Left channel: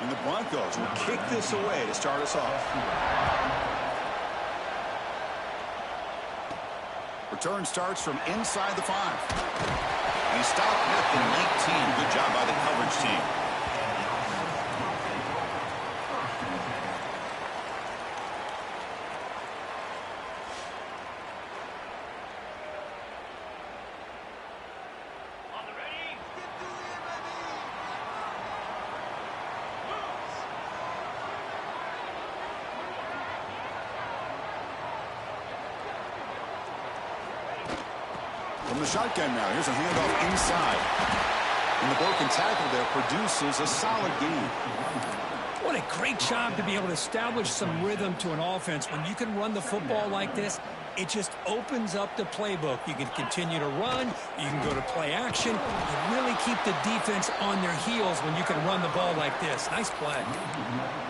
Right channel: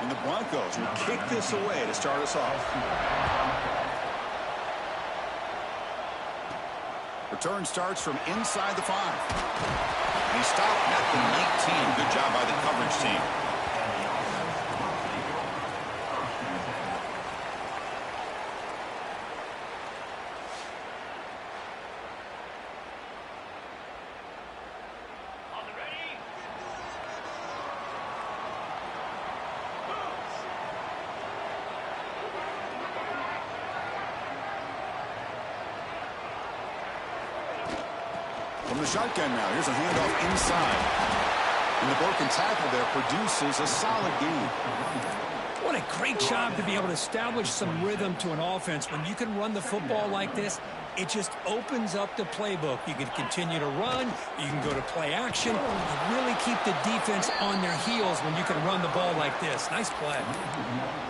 And the Broncos will kick this away to start us off. Return starts from inside the 5. And he stopped at the 19. Good job by the coverage team. From the shotgun now, here's a handoff inside. And the broken tackle there produces a solid gain. What a great job to be able to establish some rhythm to an offense. When you can run the football like this, it just opens up the playbook. You can continue to run. You can go to play action. You really keep the defense on their heels when you can run the ball like this. Nice play.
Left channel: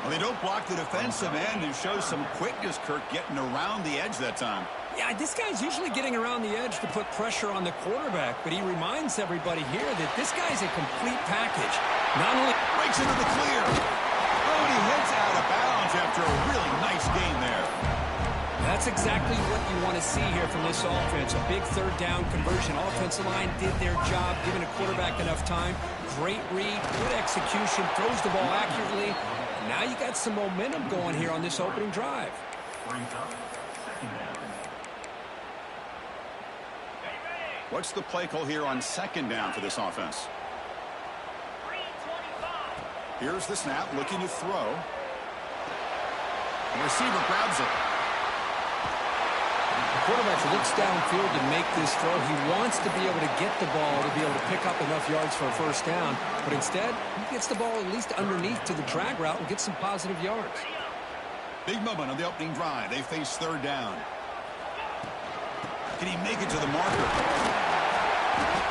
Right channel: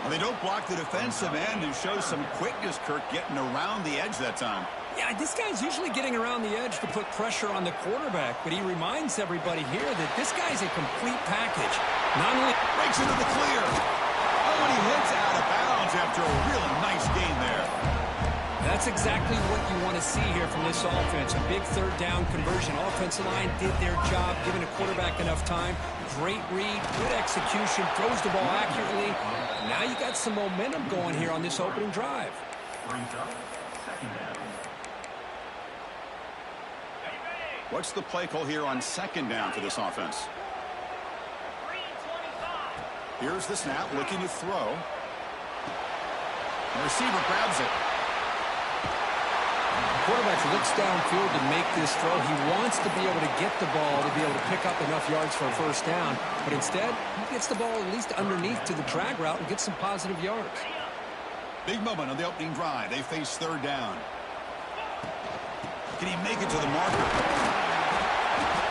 Well, they don't block the defensive end, who shows some quickness, Kirk, getting around the edge that time. Yeah, this guy's usually getting around the edge to put pressure on the quarterback, but he reminds everybody here that this guy's a complete package. Not only breaks into the clear. Oh, and he hits out of bounds after a really nice gain there. That's exactly what you want to see here from this offense. A big third down conversion. Offensive line did their job, giving the quarterback enough time. Great read, good execution, throws the ball accurately. Now you got some momentum going here on this opening drive. What's the play call here on second down for this offense? Here's the snap, looking to throw. The receiver grabs it. The quarterback looks downfield to make this throw. He wants to be able to get the ball to be able to pick up enough yards for a first down. But instead, he gets the ball at least underneath to the drag route and gets some positive yards. Big moment on the opening drive. They face third down. Can he make it to the marker?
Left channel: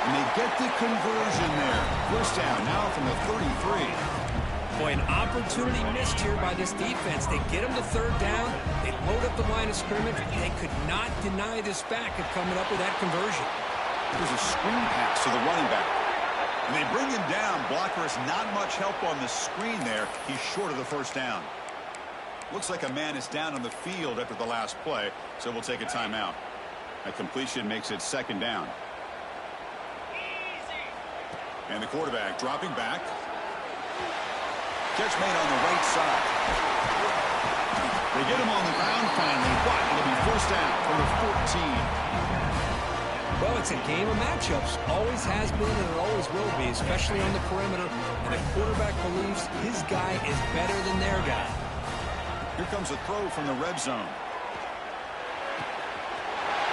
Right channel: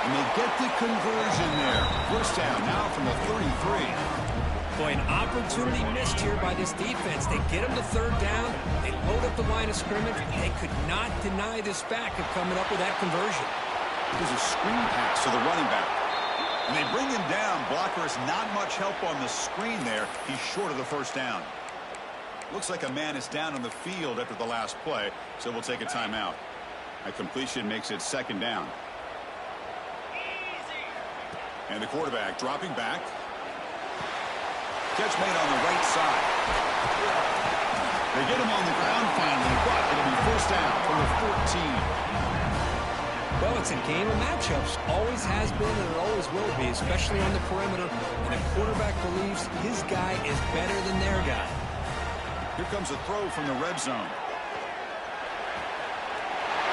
And they get the conversion there. First down now from the 33. Boy, an opportunity missed here by this defense. They get him to third down. They load up the line of scrimmage. They could not deny this back of coming up with that conversion. There's a screen pass to the running back. And they bring him down. Blocker has not much help on the screen there. He's short of the first down. Looks like a man is down on the field after the last play, so we'll take a timeout. A completion makes it second down. And the quarterback dropping back. Catch made on the right side. They get him on the ground finally, but it'll be first down from the 14. Well, it's a game of matchups. Always has been and it always will be, especially on the perimeter. And the quarterback believes his guy is better than their guy. Here comes a throw from the red zone.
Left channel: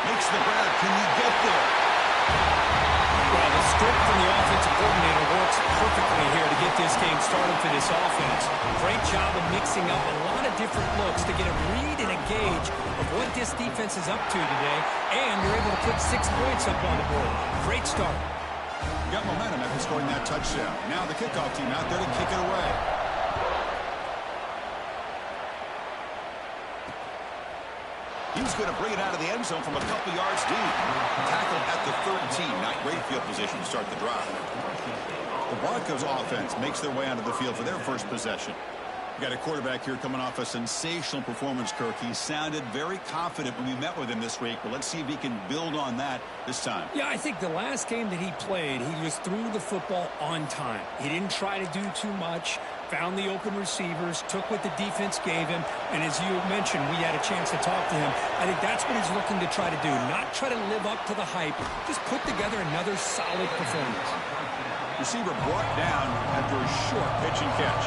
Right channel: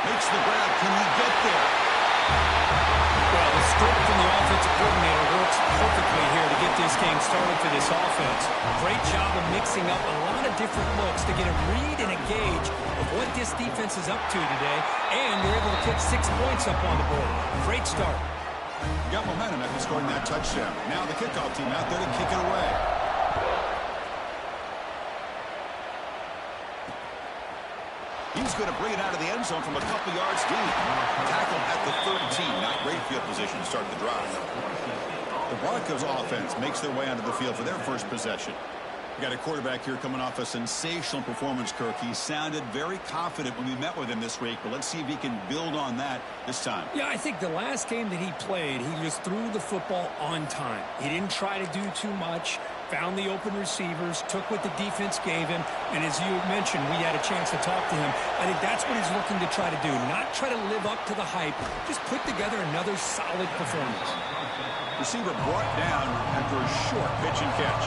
Makes the grab. Can he get there? Well, the script from the offensive coordinator works perfectly here to get this game started for this offense. Great job of mixing up a lot of different looks to get a read and a gauge of what this defense is up to today, and you're able to put 6 points up on the board. Great start. Got momentum after scoring that touchdown. Now the kickoff team out there to kick it away. He's going to bring it out of the end zone from a couple yards deep. Tackled at the 13. Not great field position to start the drive. The Broncos offense makes their way onto the field for their first possession. We got a quarterback here coming off a sensational performance, Kirk. He sounded very confident when we met with him this week, but let's see if he can build on that this time. Yeah, I think the last game that he played, he just threw the football on time. He didn't try to do too much, found the open receivers, took what the defense gave him, and as you mentioned, we had a chance to talk to him. I think that's what he's looking to try to do, not try to live up to the hype, just put together another solid performance. Receiver brought down after a short pitch and catch.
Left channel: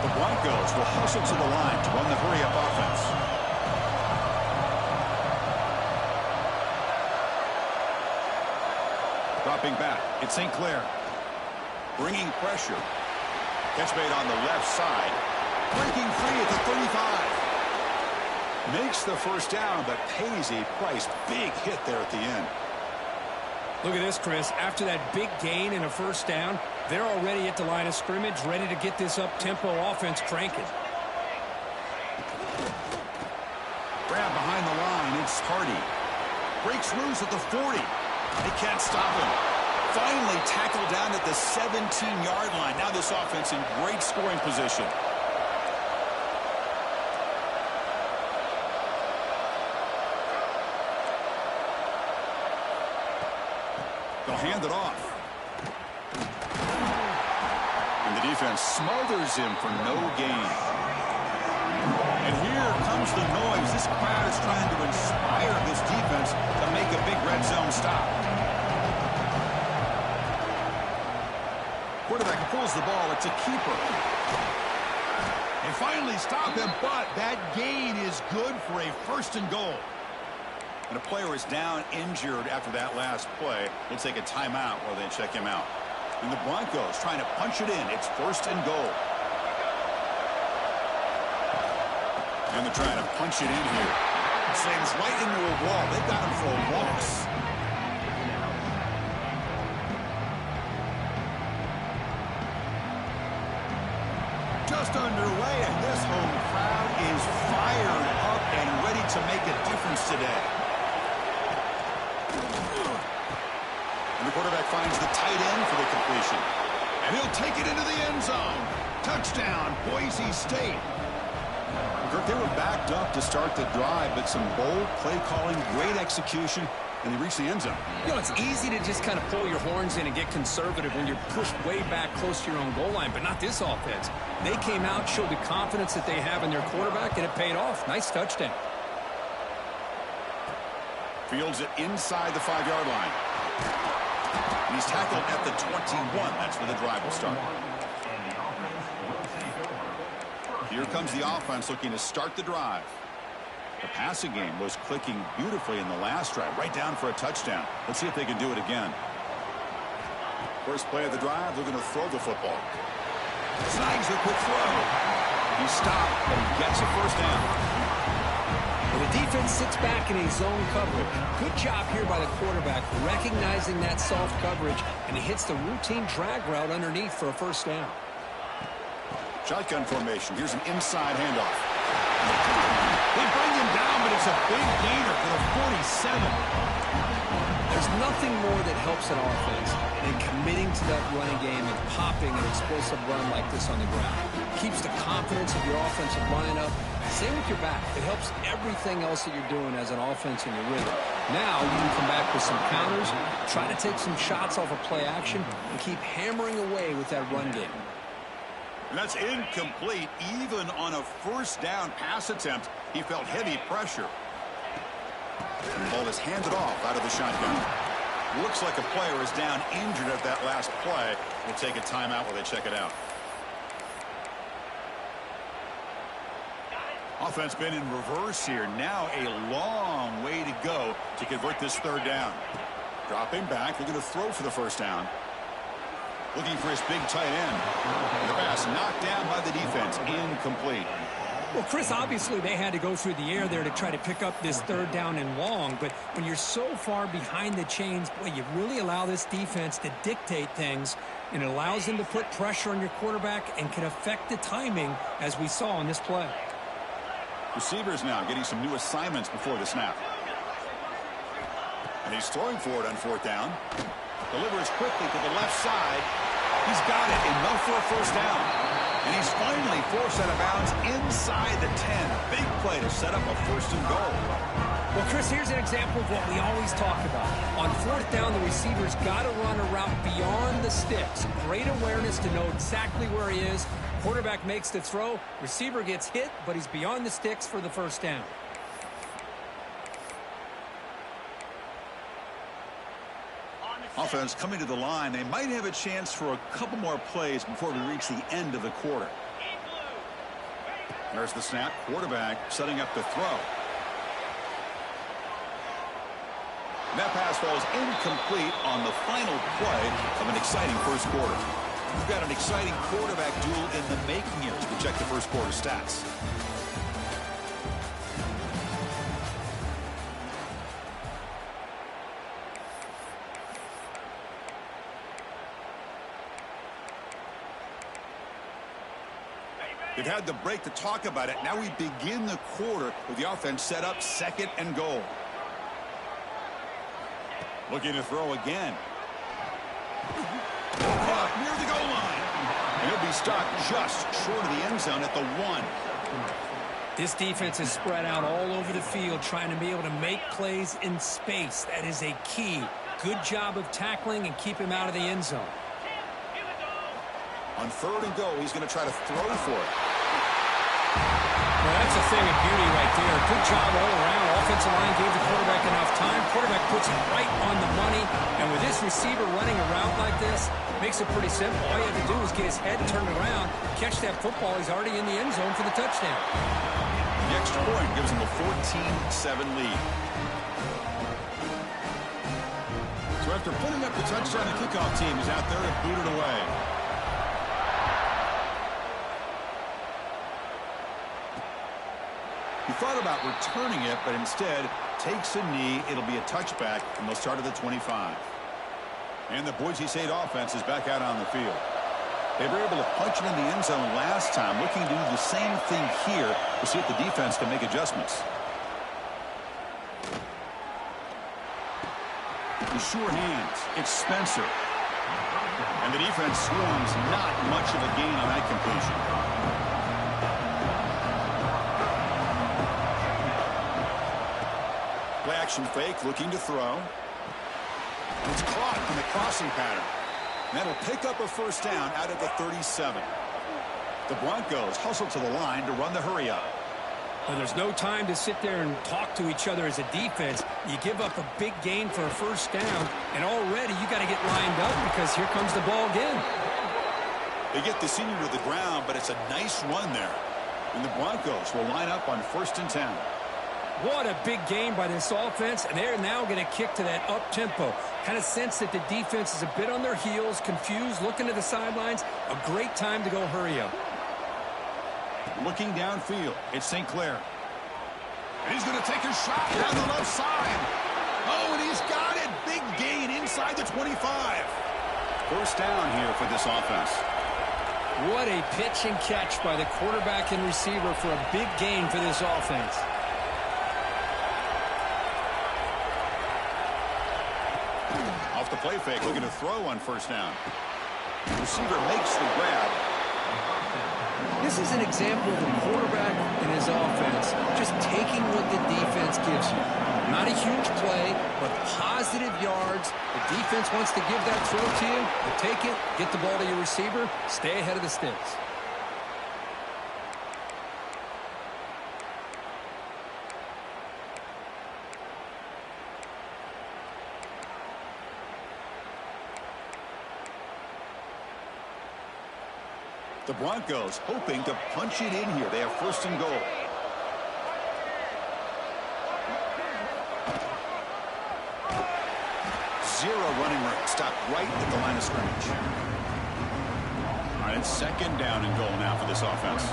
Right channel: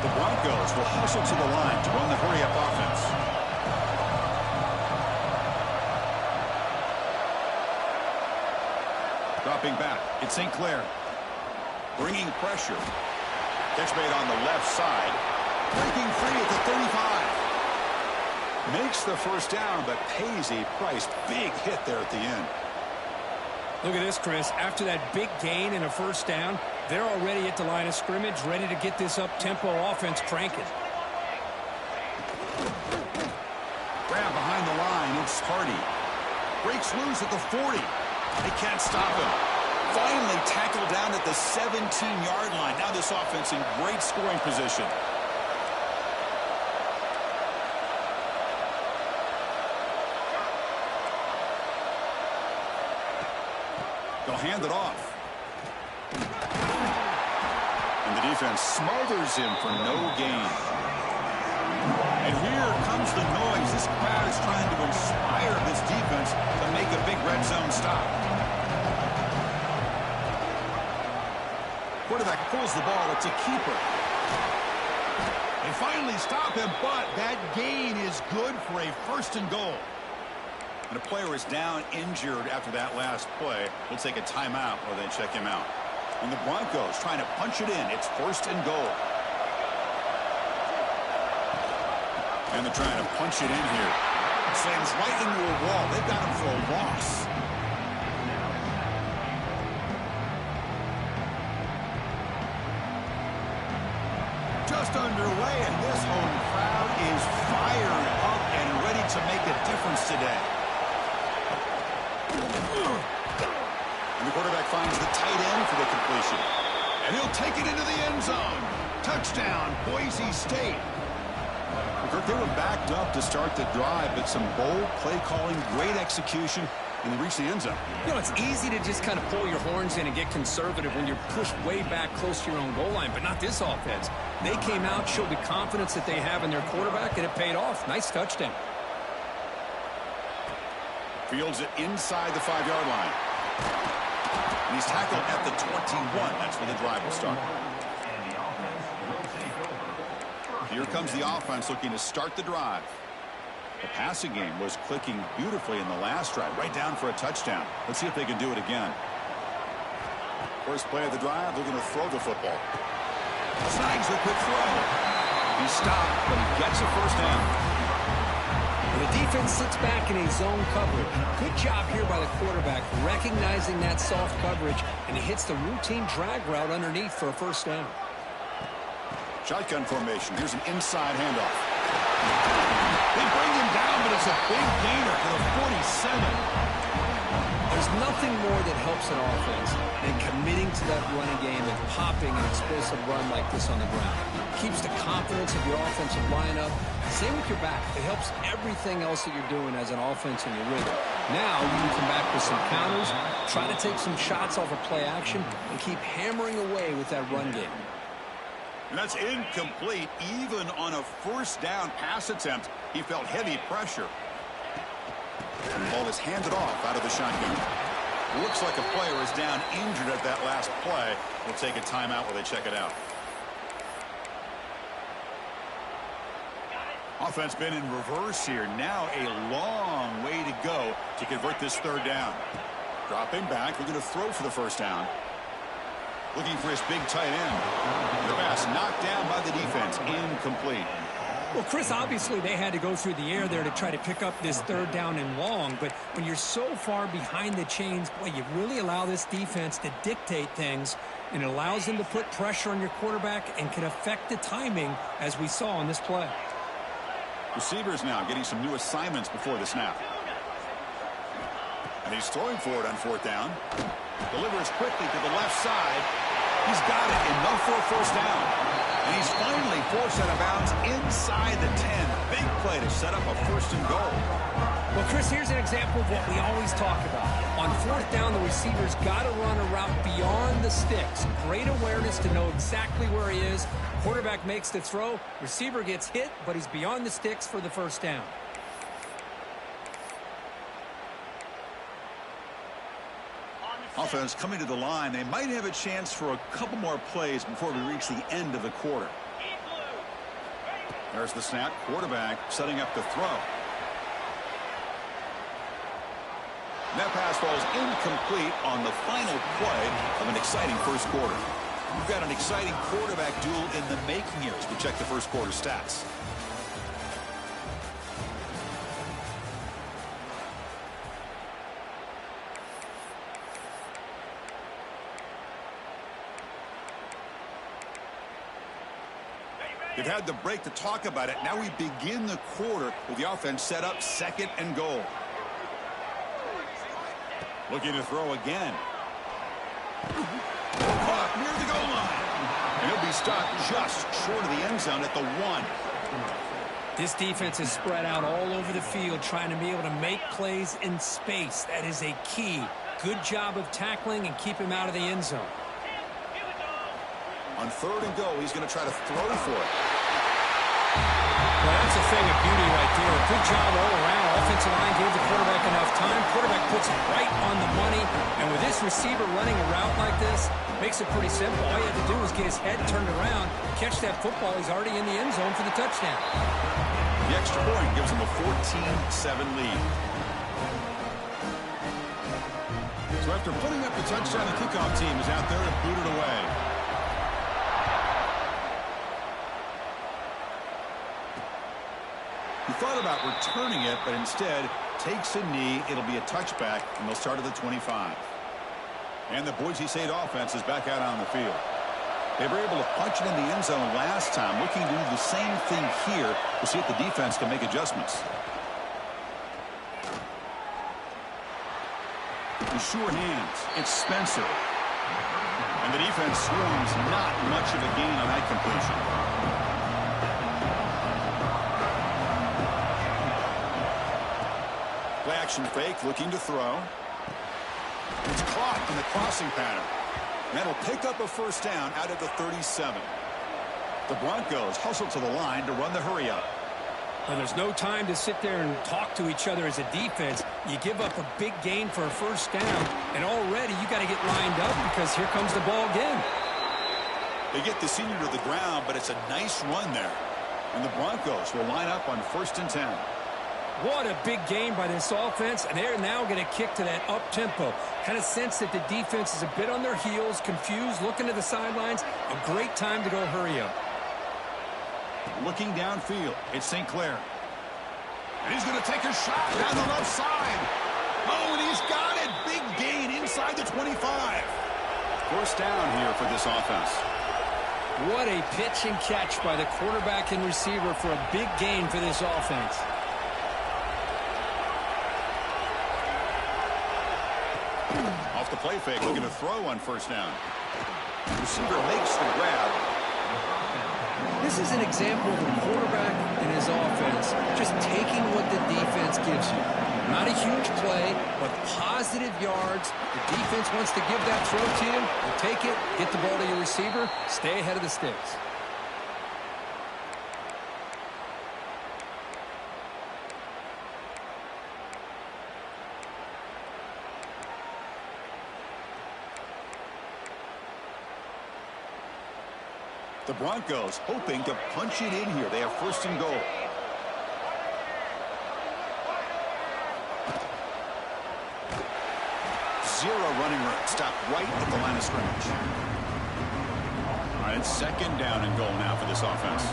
The Broncos will hustle to the line to run the hurry-up offense. Dropping back, it's St. Clair. Bringing pressure. Catch made on the left side. Breaking free at the 35. Makes the first down, but pays a price. Big hit there at the end. Look at this, Chris. After that big gain and a first down, they're already at the line of scrimmage, ready to get this up-tempo offense cranking. Grab behind the line. It's Hardy. Breaks loose at the 40. They can't stop him. Finally tackled down at the 17-yard line. Now this offense in great scoring position. They'll hand it off. And the defense smothers him for no gain. And here comes the noise. This crowd is trying to inspire this defense to make a big red zone stop. Quarterback pulls the ball. It's a keeper. They finally stop him, but that gain is good for a 1st and goal. And a player is down injured after that last play. We'll take a timeout while they check him out. And the Broncos trying to punch it in. It's 1st and goal. And they're trying to punch it in here. Slams right into a wall. They've got him for a loss. Just underway, and this home crowd is fired up and ready to make a difference today. And the quarterback finds the tight end for the completion. And he'll take it into the end zone. Touchdown, Boise State. Kirk, they were backed up to start the drive, but some bold play calling, great execution, and they reached the end zone. You know, it's easy to just kind of pull your horns in and get conservative when you're pushed way back close to your own goal line, but not this offense. They came out, showed the confidence that they have in their quarterback, and it paid off. Nice touchdown. Fields it inside the 5-yard line. And he's tackled at the 21. That's where the drive will start. Here comes the offense looking to start the drive. The passing game was clicking beautifully in the last drive, right down for a touchdown. Let's see if they can do it again. First play of the drive, they're going to throw the football. Snags a quick throw. He stopped, but he gets a 1st down. Well, the defense sits back in a zone coverage. Good job here by the quarterback, recognizing that soft coverage, and he hits the routine drag route underneath for a 1st down. Shotgun formation. Here's an inside handoff. They bring him down, but it's a big gainer for the 47. There's nothing more that helps an offense than committing to that running game and popping an explosive run like this on the ground. Keeps the confidence of your offensive lineup. Same with your back. It helps everything else that you're doing as an offense in your rhythm. Now you can come back with some counters, try to take some shots off of play action, and keep hammering away with that run game. And that's incomplete. Even on a 1st down pass attempt, he felt heavy pressure. And the ball is handed off out of the shotgun. Looks like a player is down injured at that last play. We'll take a timeout while they check it out. Offense been in reverse here. Now a long way to go to convert this 3rd down. Dropping back. They're going to throw for the 1st down. Looking for his big tight end. The pass knocked down by the defense. Incomplete. Well, Chris, obviously they had to go through the air there to try to pick up this 3rd down and long, but when you're so far behind the chains, boy, you really allow this defense to dictate things, and it allows them to put pressure on your quarterback and can affect the timing, as we saw on this play. Receivers now getting some new assignments before the snap. And he's throwing for it on 4th down. Delivers quickly to the left side. He's got it, enough for a 1st down. And he's finally forced out of bounds inside the 10. Big play to set up a 1st and goal. Well, Chris, here's an example of what we always talk about. On 4th down, the receiver's got to run a route beyond the sticks. Great awareness to know exactly where he is. Quarterback makes the throw. Receiver gets hit, but he's beyond the sticks for the 1st down. Offense coming to the line. They might have a chance for a couple more plays before we reach the end of the quarter. There's the snap. Quarterback setting up the throw. And that pass falls incomplete on the final play of an exciting 1st quarter. We've got an exciting quarterback duel in the making here as we check the 1st quarter stats. They've had the break to talk about it. Now we begin the quarter with the offense set up 2nd and goal. Looking to throw again. Caught near the goal line. And he'll be stopped just short of the end zone at the 1. This defense is spread out all over the field, trying to be able to make plays in space. That is a key. Good job of tackling and keep him out of the end zone. On 3rd and goal, he's going to try to throw for it. Well, that's a thing of beauty right there. Good job all around. Offensive line gave the quarterback enough time. Quarterback puts it right on the money. And with this receiver running a route like this, makes it pretty simple. All you have to do is get his head turned around, catch that football. He's already in the end zone for the touchdown. The extra point gives him a 14-7 lead. So after putting up the touchdown, the kickoff team is out there to boot it away. He thought about returning it, but instead takes a knee. It'll be a touchback, and they'll start at the 25. And the Boise State offense is back out on the field. They were able to punch it in the end zone last time, looking to do the same thing here to see if the defense can make adjustments. With sure hands, it's Spencer. And the defense swarms, not much of a gain on that completion. Play action fake, looking to throw. It's caught on the crossing pattern. That'll pick up a first down out of the 37. The Broncos hustle to the line to run the hurry up. Well, there's no time to sit there and talk to each other as a defense. You give up a big gain for a first down, and already you got to get lined up because here comes the ball again. They get the senior to the ground, but it's a nice run there. And the Broncos will line up on 1st and 10. What a big game by this offense, and they're now going to kick to that up-tempo. Kind of sense that the defense is a bit on their heels, confused, looking to the sidelines. A great time to go hurry up. Looking downfield, it's St. Clair. And he's going to take a shot down the left side. Oh, and he's got it. Big gain inside the 25. First down here for this offense. What a pitch and catch by the quarterback and receiver for a big gain for this offense. Off the play fake, looking to throw on first down. The receiver makes the grab. This is an example of a quarterback and his offense just taking what the defense gives you. Not a huge play, but positive yards. The defense wants to give that throw to you. You take it, get the ball to your receiver, stay ahead of the sticks. The Broncos hoping to punch it in here. They have 1st and goal. Zero running room. Stopped right at the line of scrimmage. All right, it's 2nd down and goal now for this offense.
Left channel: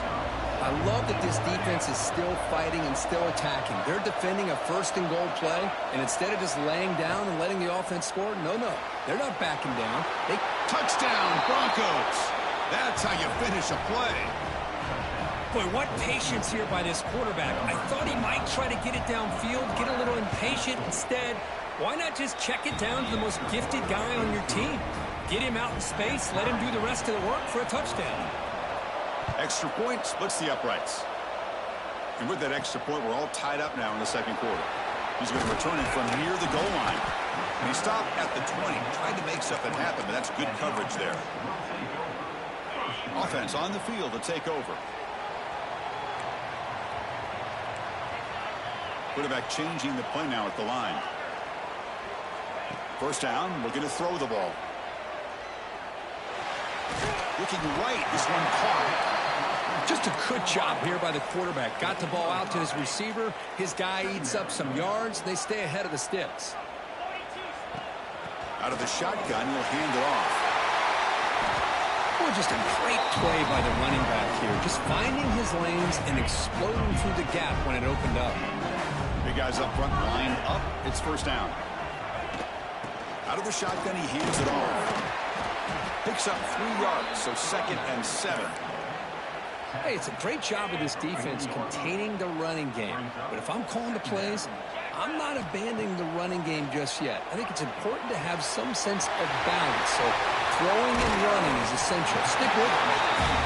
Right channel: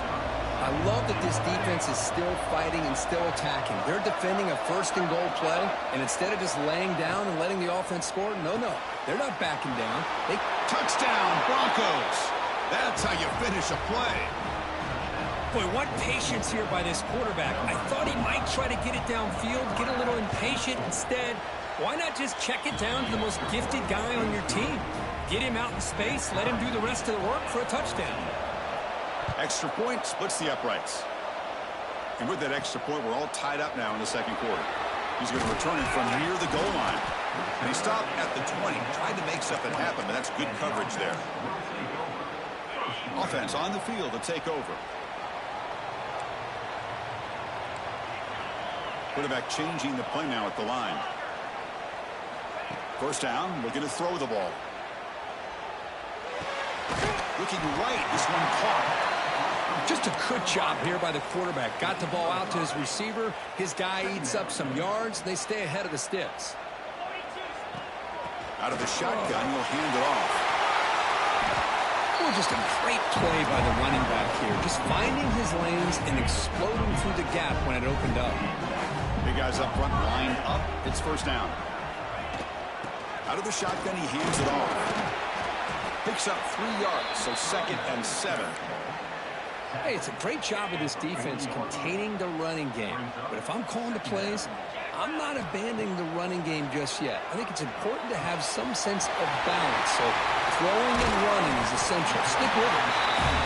I love that this defense is still fighting and still attacking. They're defending a 1st and goal play, and instead of just laying down and letting the offense score, no. They're not backing down. Touchdown, Broncos. That's how you finish a play. Boy, what patience here by this quarterback. I thought he might try to get it downfield, get a little impatient. Instead, why not just check it down to the most gifted guy on your team? Get him out in space, let him do the rest of the work for a touchdown. Extra point splits the uprights. And with that extra point, we're all tied up now in the 2nd quarter. He's going to return it from near the goal line. And he stopped at the 20, tried to make something happen, but that's good coverage there. Offense on the field to take over. Quarterback changing the play now at the line. First down, looking to throw the ball. Looking right, this one caught. Just a good job here by the quarterback. Got the ball out to his receiver. His guy eats up some yards. They stay ahead of the sticks. Out of the shotgun, he'll hand it off. Oh, just a great play by the running back here. Just finding his lanes and exploding through the gap when it opened up. Big guys up front lined up. It's first down. Out of the shotgun, he hands it off. Picks up 3 yards, so 2nd and 7. Hey, it's a great job of this defense containing the running game. But if I'm calling the plays, I'm not abandoning the running game just yet. I think it's important to have some sense of balance. So throwing and running is essential. Stick with it.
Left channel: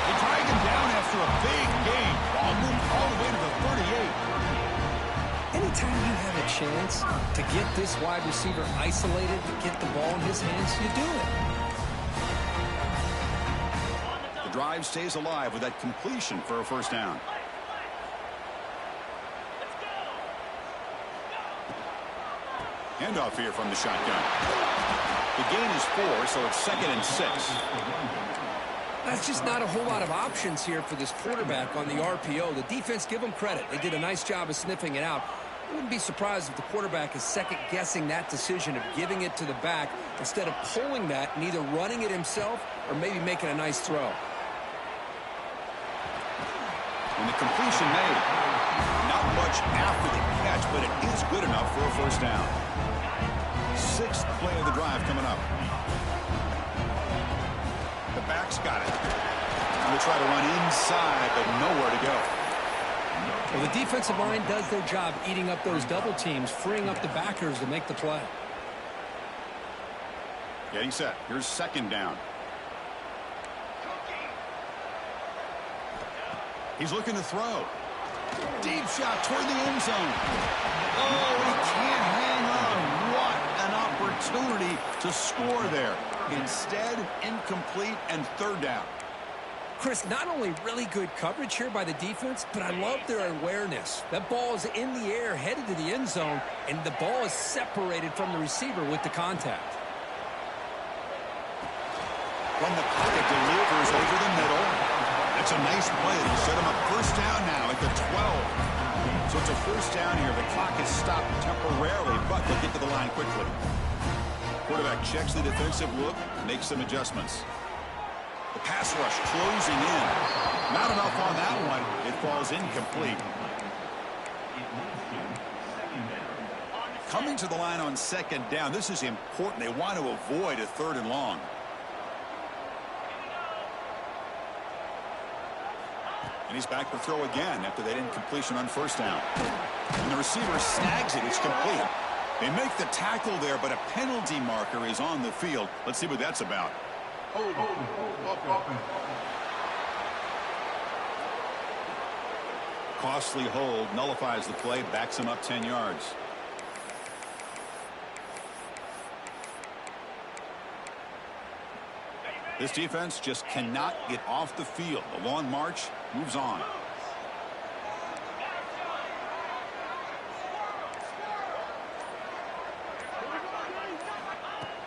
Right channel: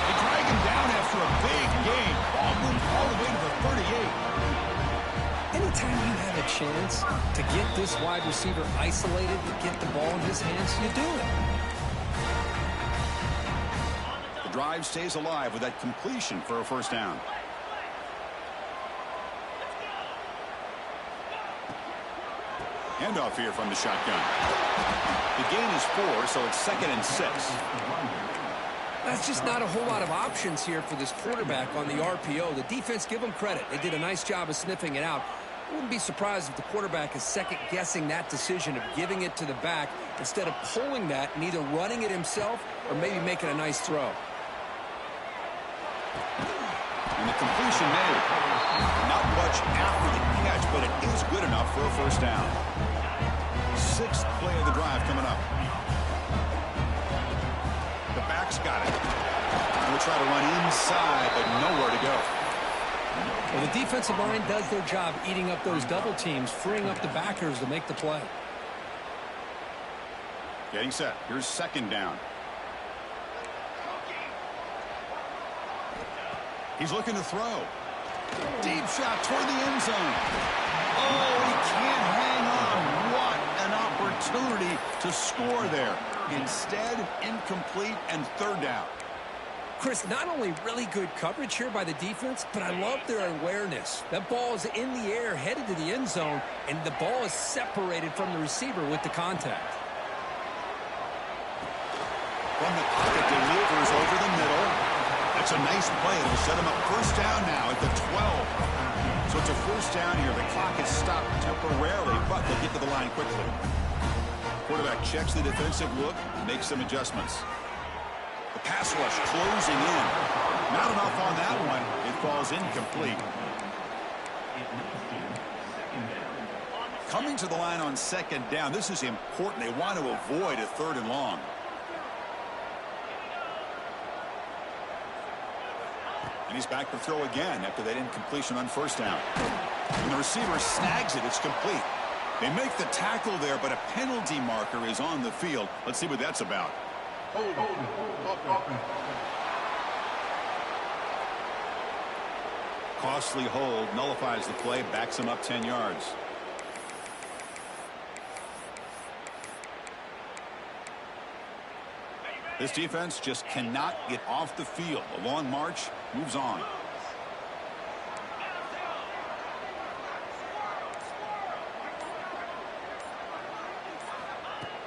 They drag him down after a big gain. Ball moved all the way to the 38. Anytime you have a chance to get this wide receiver isolated, to get the ball in his hands, you do it. The drive stays alive with that completion for a first down. Handoff here from the shotgun. The gain is 4, so it's 2nd and 6. That's just not a whole lot of options here for this quarterback on the RPO. The defense, give them credit. They did a nice job of sniffing it out. I wouldn't be surprised if the quarterback is second-guessing that decision of giving it to the back instead of pulling that and either running it himself or maybe making a nice throw. And the completion made. Not much after the catch, but it is good enough for a first down. 6th play of the drive coming up. The back's got it. We'll try to run inside, but nowhere to go. Well, the defensive line does their job eating up those double teams, freeing up the backers to make the play. Getting set. Here's 2nd down. He's looking to throw. Deep shot toward the end zone. Oh, he can't hang on. What an opportunity to score there. Instead, incomplete and 3rd down. Chris, not only really good coverage here by the defense, but I love their awareness. That ball is in the air, headed to the end zone, and the ball is separated from the receiver with the contact. From the pocket, delivers over the middle. That's a nice play. It'll set him up first down now at the 12. So it's a first down here. The clock is stopped temporarily, but they'll get to the line quickly. Quarterback checks the defensive look, makes some adjustments. The pass rush closing in. Not enough on that one. It falls incomplete. Coming to the line on 2nd down. This is important. They want to avoid a 3rd and long. And he's back to throw again after that incompletion on first down. And the receiver snags it. It's complete. They make the tackle there, but a penalty marker is on the field. Let's see what that's about. Costly hold, nullifies the play, backs him up 10 yards. This defense just cannot get off the field. The long march moves on.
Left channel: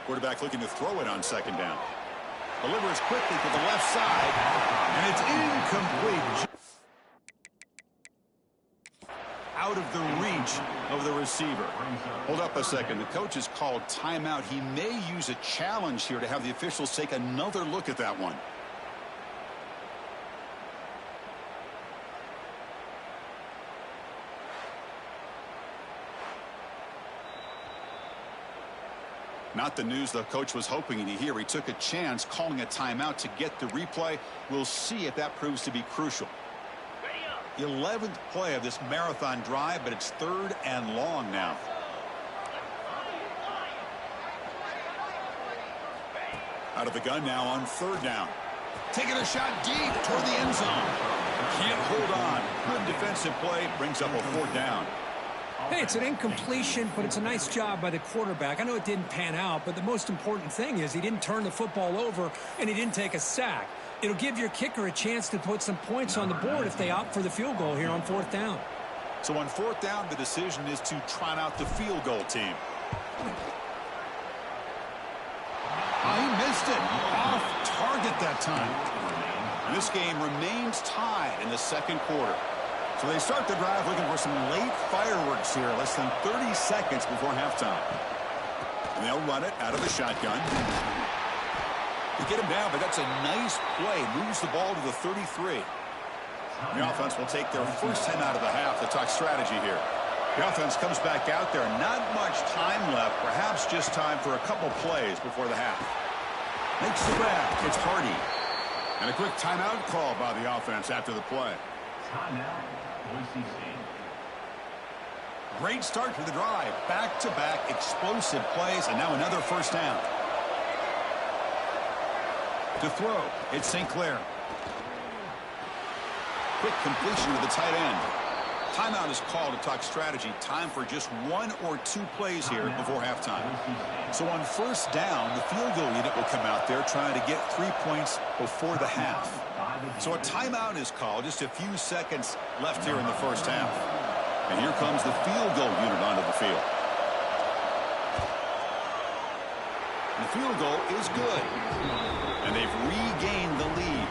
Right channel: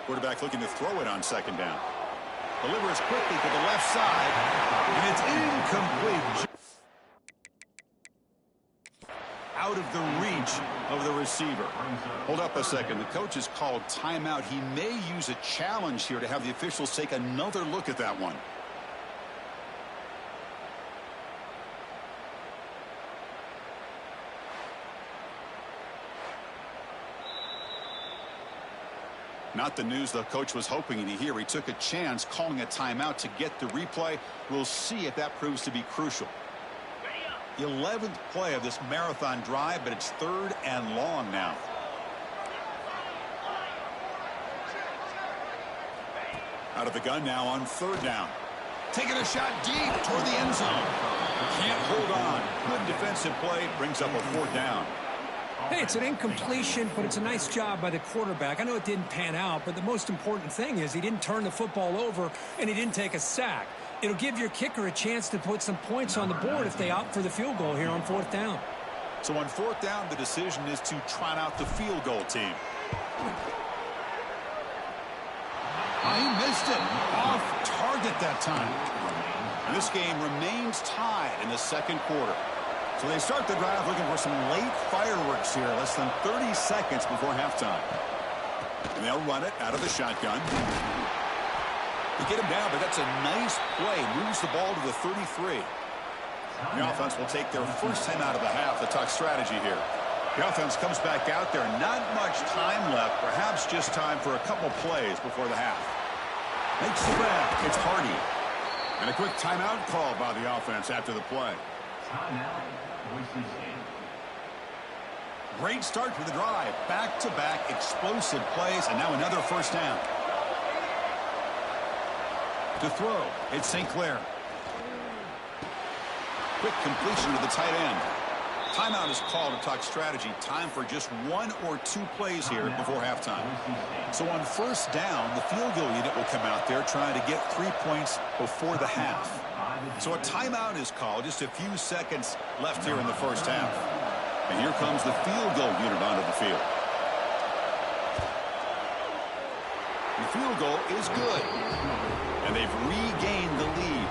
Quarterback looking to throw it on 2nd down. Delivers quickly to the left side, and it's incomplete. Out of the reach of the receiver. Hold up a second. The coach has called timeout. He may use a challenge here to have the officials take another look at that one. Not the news the coach was hoping to hear. He took a chance calling a timeout to get the replay. We'll see if that proves to be crucial. 11th play of this marathon drive, but it's 3rd and long now. Out of the gun now on 3rd down. Taking a shot deep toward the end zone. Can't hold on. Good defensive play. Brings up a 4th down. Hey, it's an incompletion, but it's a nice job by the quarterback. I know it didn't pan out, but the most important thing is he didn't turn the football over and he didn't take a sack. It'll give your kicker a chance to put some points on the board if they opt for the field goal here on 4th down. So on 4th down, the decision is to trot out the field goal team. Oh, he missed it. Off target that time. And this game remains tied in the 2nd quarter. So they start the drive looking for some late fireworks here, less than 30 seconds before halftime. And they'll run it out of the shotgun. They get him down, but that's a nice play. Moves the ball to the 33. The offense will take their first time out of the half to talk strategy here. The offense comes back out there. Not much time left. Perhaps just time for a couple plays before the half. Makes the grab. It's Hardy. And a quick timeout call by the offense after the play. Timeout, Boise State. Great start to the drive. Back-to-back explosive plays, and now another first down. To throw, it's St. Clair. Quick completion to the tight end. Timeout is called to talk strategy. Time for just 1 or 2 plays here before halftime. So on first down, the field goal unit will come out there trying to get 3 points before the half. So a timeout is called. Just a few seconds left here in the first half. And here comes the field goal unit onto the field. And the field goal is good. And they've regained the lead.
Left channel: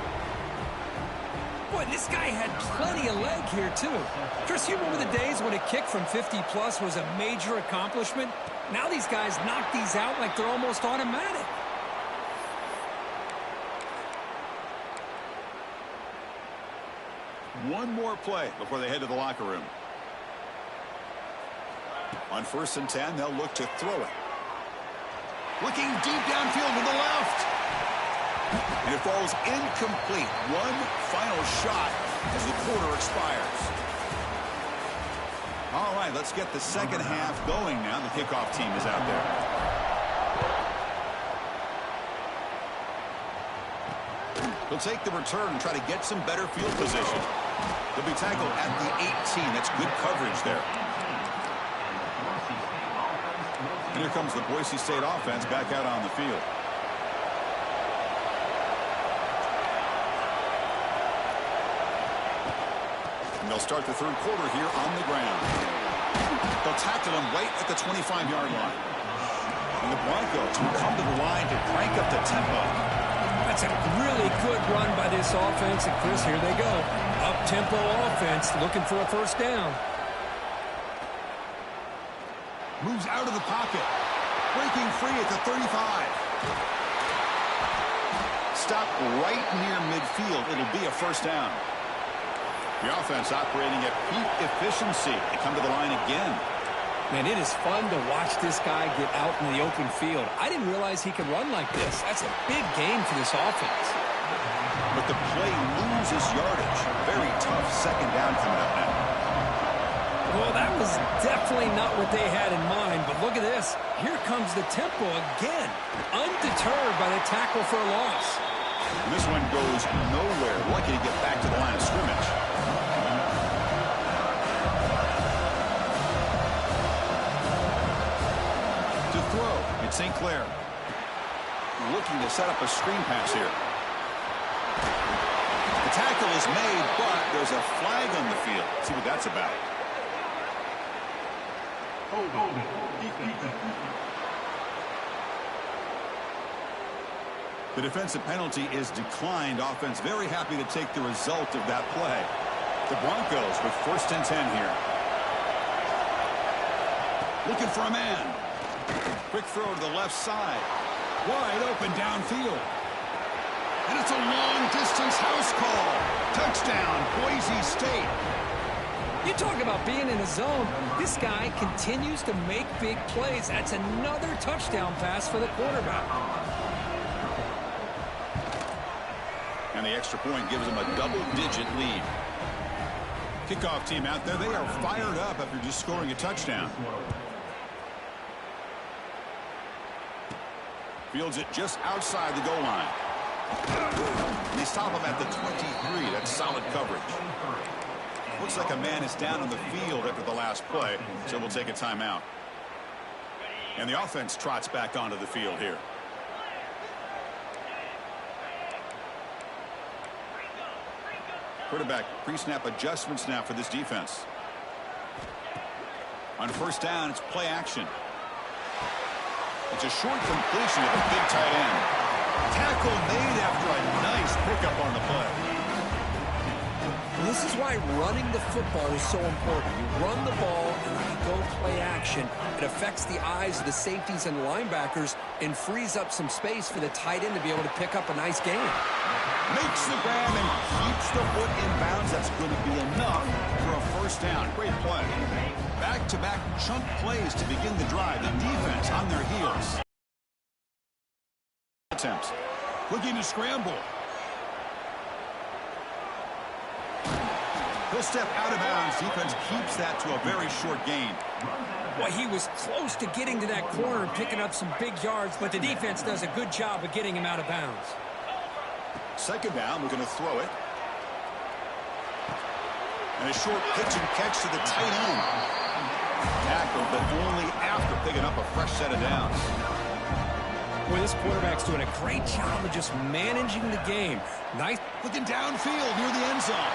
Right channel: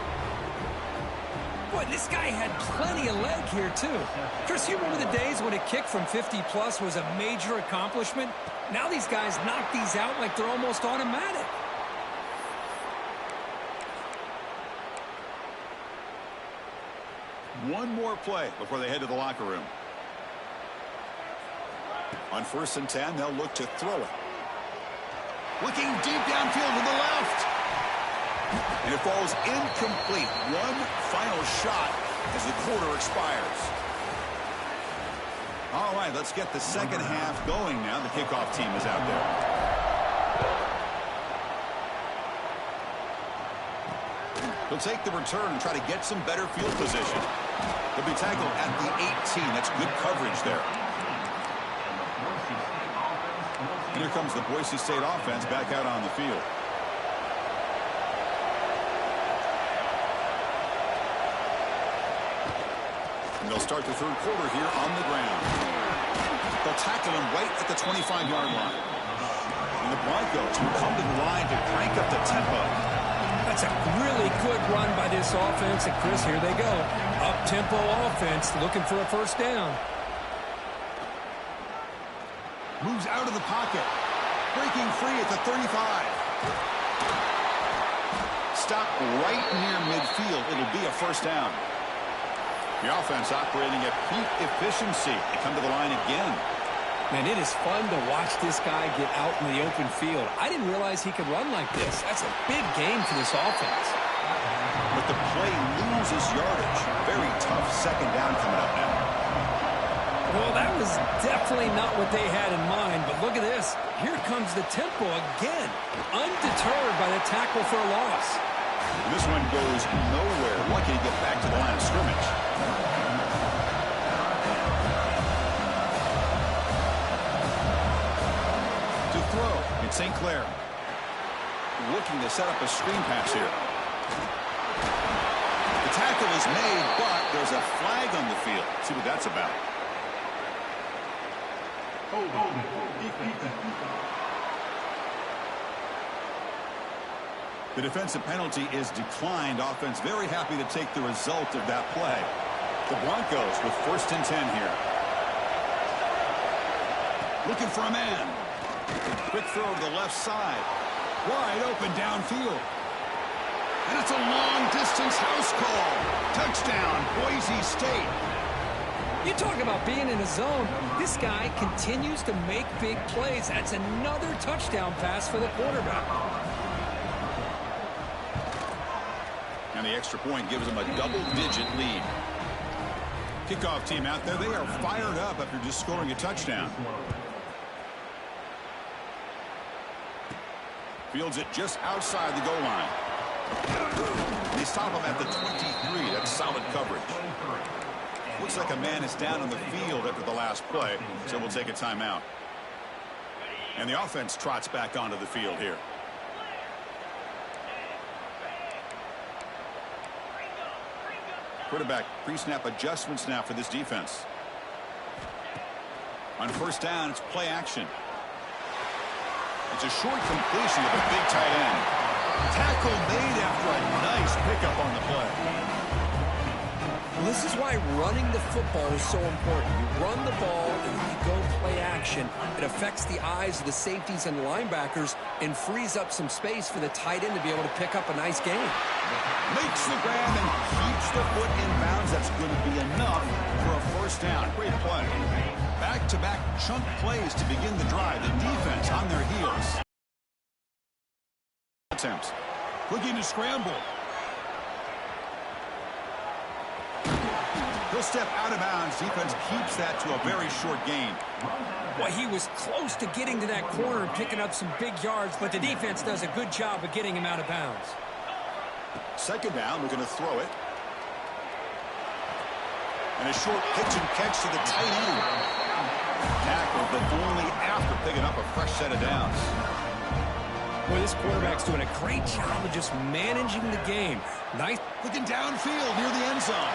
Boy, this guy had plenty of leg here, too. Chris, you remember the days when a kick from 50-plus was a major accomplishment? Now these guys knock these out like they're almost automatic. One more play before they head to the locker room. On 1st and 10, they'll look to throw it. Looking deep downfield to the left. And it falls incomplete. One final shot as the quarter expires. All right, let's get the second half going now. The kickoff team is out there. He'll take the return and try to get some better field position. He'll be tackled at the 18. That's good coverage there. And here comes the Boise State offense back out on the field. And they'll start the third quarter here on the ground. They'll tackle him right at the 25-yard line. And the Broncos will come to the line to crank up the tempo. That's a really good run by this offense. And, Chris, here they go. Up-tempo offense looking for a first down. Moves out of the pocket. Breaking free at the 35. Stop right near midfield. It'll be a first down. The offense operating at peak efficiency. They come to the line again. Man, it is fun to watch this guy get out in the open field. I didn't realize he could run like this. That's a big game for this offense. But the play loses yardage. Very tough second down coming up now. Well, that was definitely not what they had in mind. But look at this. Here comes the tempo again. Undeterred by the tackle for a loss. And this one goes nowhere. Lucky to get back to the line of scrimmage. To throw, it's St. Clair. Looking to set up a screen pass here. The tackle is made, but there's a flag on the field. Let's see what that's about. The defensive penalty is declined. Offense very happy to take the result of that play. The Broncos with 1st and 10 here. Looking for a man. Quick throw to the left side. Wide open downfield. And it's a long-distance house call. Touchdown, Boise State. You talk about being in a zone. This guy continues to make big plays. That's another touchdown pass for the quarterback. And the extra point gives them a double-digit lead. Kickoff team out there. They are fired up after just scoring a touchdown. Fields it just outside the goal line. They stop him at the 23. That's solid coverage. Looks like a man is down on the field after the last play, so we'll take a timeout. And the offense trots back onto the field here. Quarterback pre-snap adjustments now for this defense. On 1st down, it's play action. It's a short completion of the big tight end. Tackle made after a nice pickup on the play. Well, this is why running the football is so important. You run the ball and then you go play action. It affects the eyes of the safeties and linebackers and frees up some space for the tight end to be able to pick up a nice gain. Makes the grab and keeps the foot in bounds. That's going to be enough for a first down. Great play. Back-to-back chunk plays to begin the drive. The defense on their heels. Attempts. Looking to scramble. He'll step out of bounds. Defense keeps that to a very short gain. Well, he was close to getting to that corner and picking up some big yards, but the defense does a good job of getting him out of bounds. Second down, we're going to throw it. And a short pitch and catch to the tight end. Tackled, but only after picking up a fresh set of downs. Boy, this quarterback's doing a great job of just managing the game. Nice. Looking downfield near the end zone.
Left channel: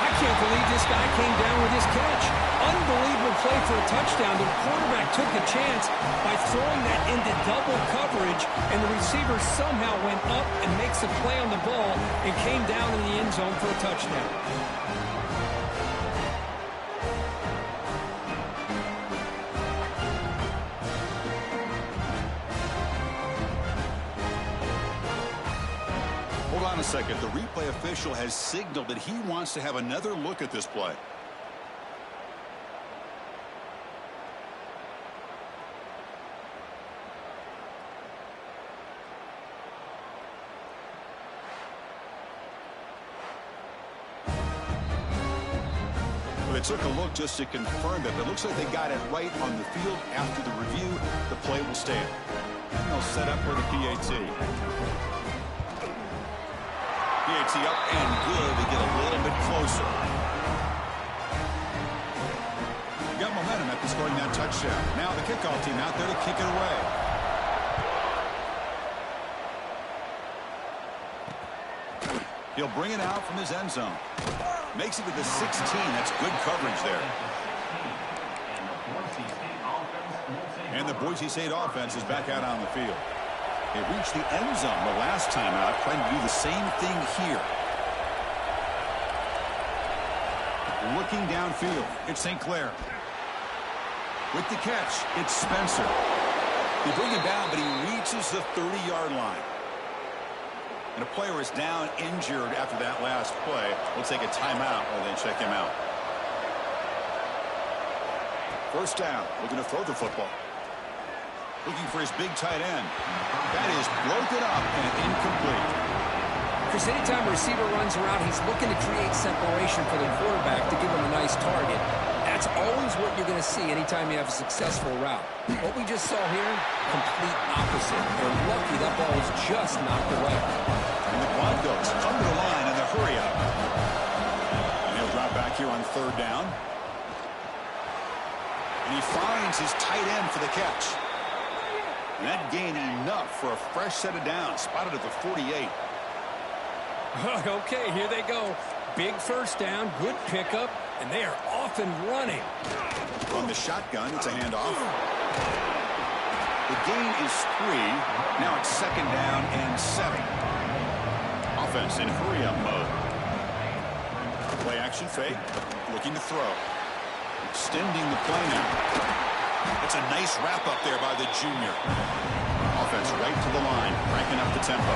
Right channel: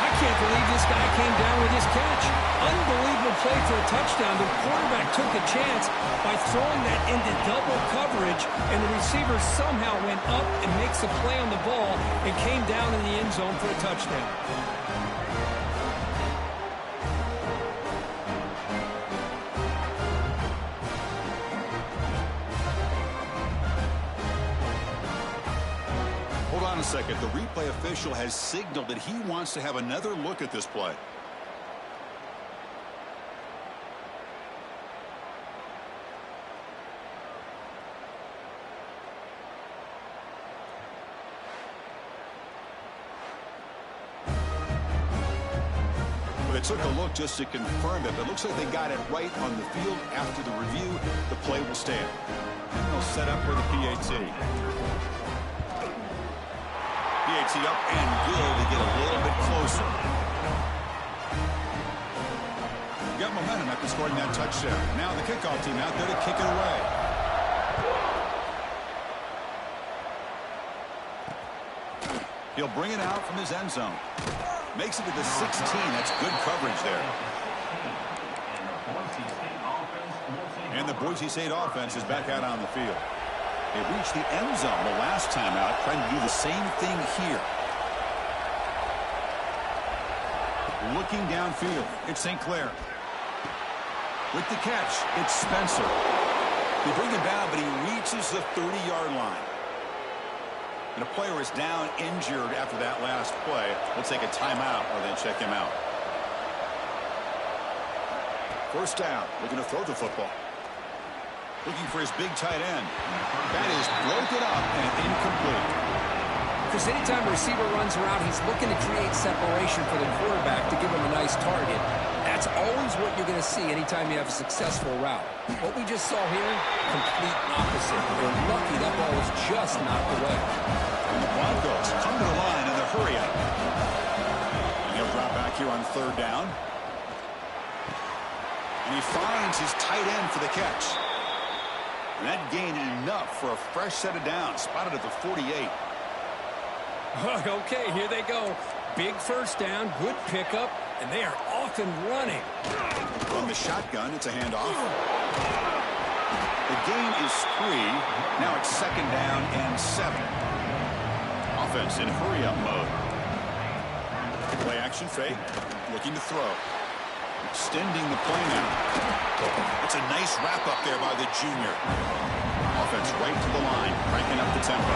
I can't believe this guy came down with this catch. Unbelievable play for a touchdown. The quarterback took a chance by throwing that into double coverage, and the receiver somehow went up and makes a play on the ball and came down in the end zone for a touchdown. Hold on a second. The replay official has signaled that he wants to have another look at this play. Well, they took a look just to confirm it, but it looks like they got it right on the field. After the review, the play will stand. And they'll set up for the PAT. PAT up and good. They get a little bit closer. Got momentum after scoring that touchdown. Now the kickoff team out there to kick it away. He'll bring it out from his end zone. Makes it to the 16. That's good coverage there. And the Boise State offense is back out on the field. They reached the end zone the last time out, trying to do the same thing here. Looking downfield, it's St. Clair. With the catch, it's Spencer. They bring him down, but he reaches the 30-yard line. And a player is down injured after that last play. We'll take a timeout or then check him out. First down, looking to throw the football. Looking for his big tight end. That is broken up and incomplete. Chris, anytime a receiver runs around, he's looking to create separation for the quarterback to give him a nice target. That's always what you're going to see anytime you have a successful route. What we just saw here, complete opposite. They're lucky that ball was just knocked away. And the Broncos come to the line in the hurry up. And he'll drop back here on third down. And he finds his tight end for the catch. And that gained enough for a fresh set of downs. Spotted at the 48. Okay, here they go. Big first down, good pickup, and they are off and running. From the shotgun, it's a handoff. The gain is 3. Now it's second down and 7. Offense in hurry-up mode. Play action fake. Looking to throw. Extending the play now. It's a nice wrap up there by the junior. Offense right to the line, cranking up the tempo.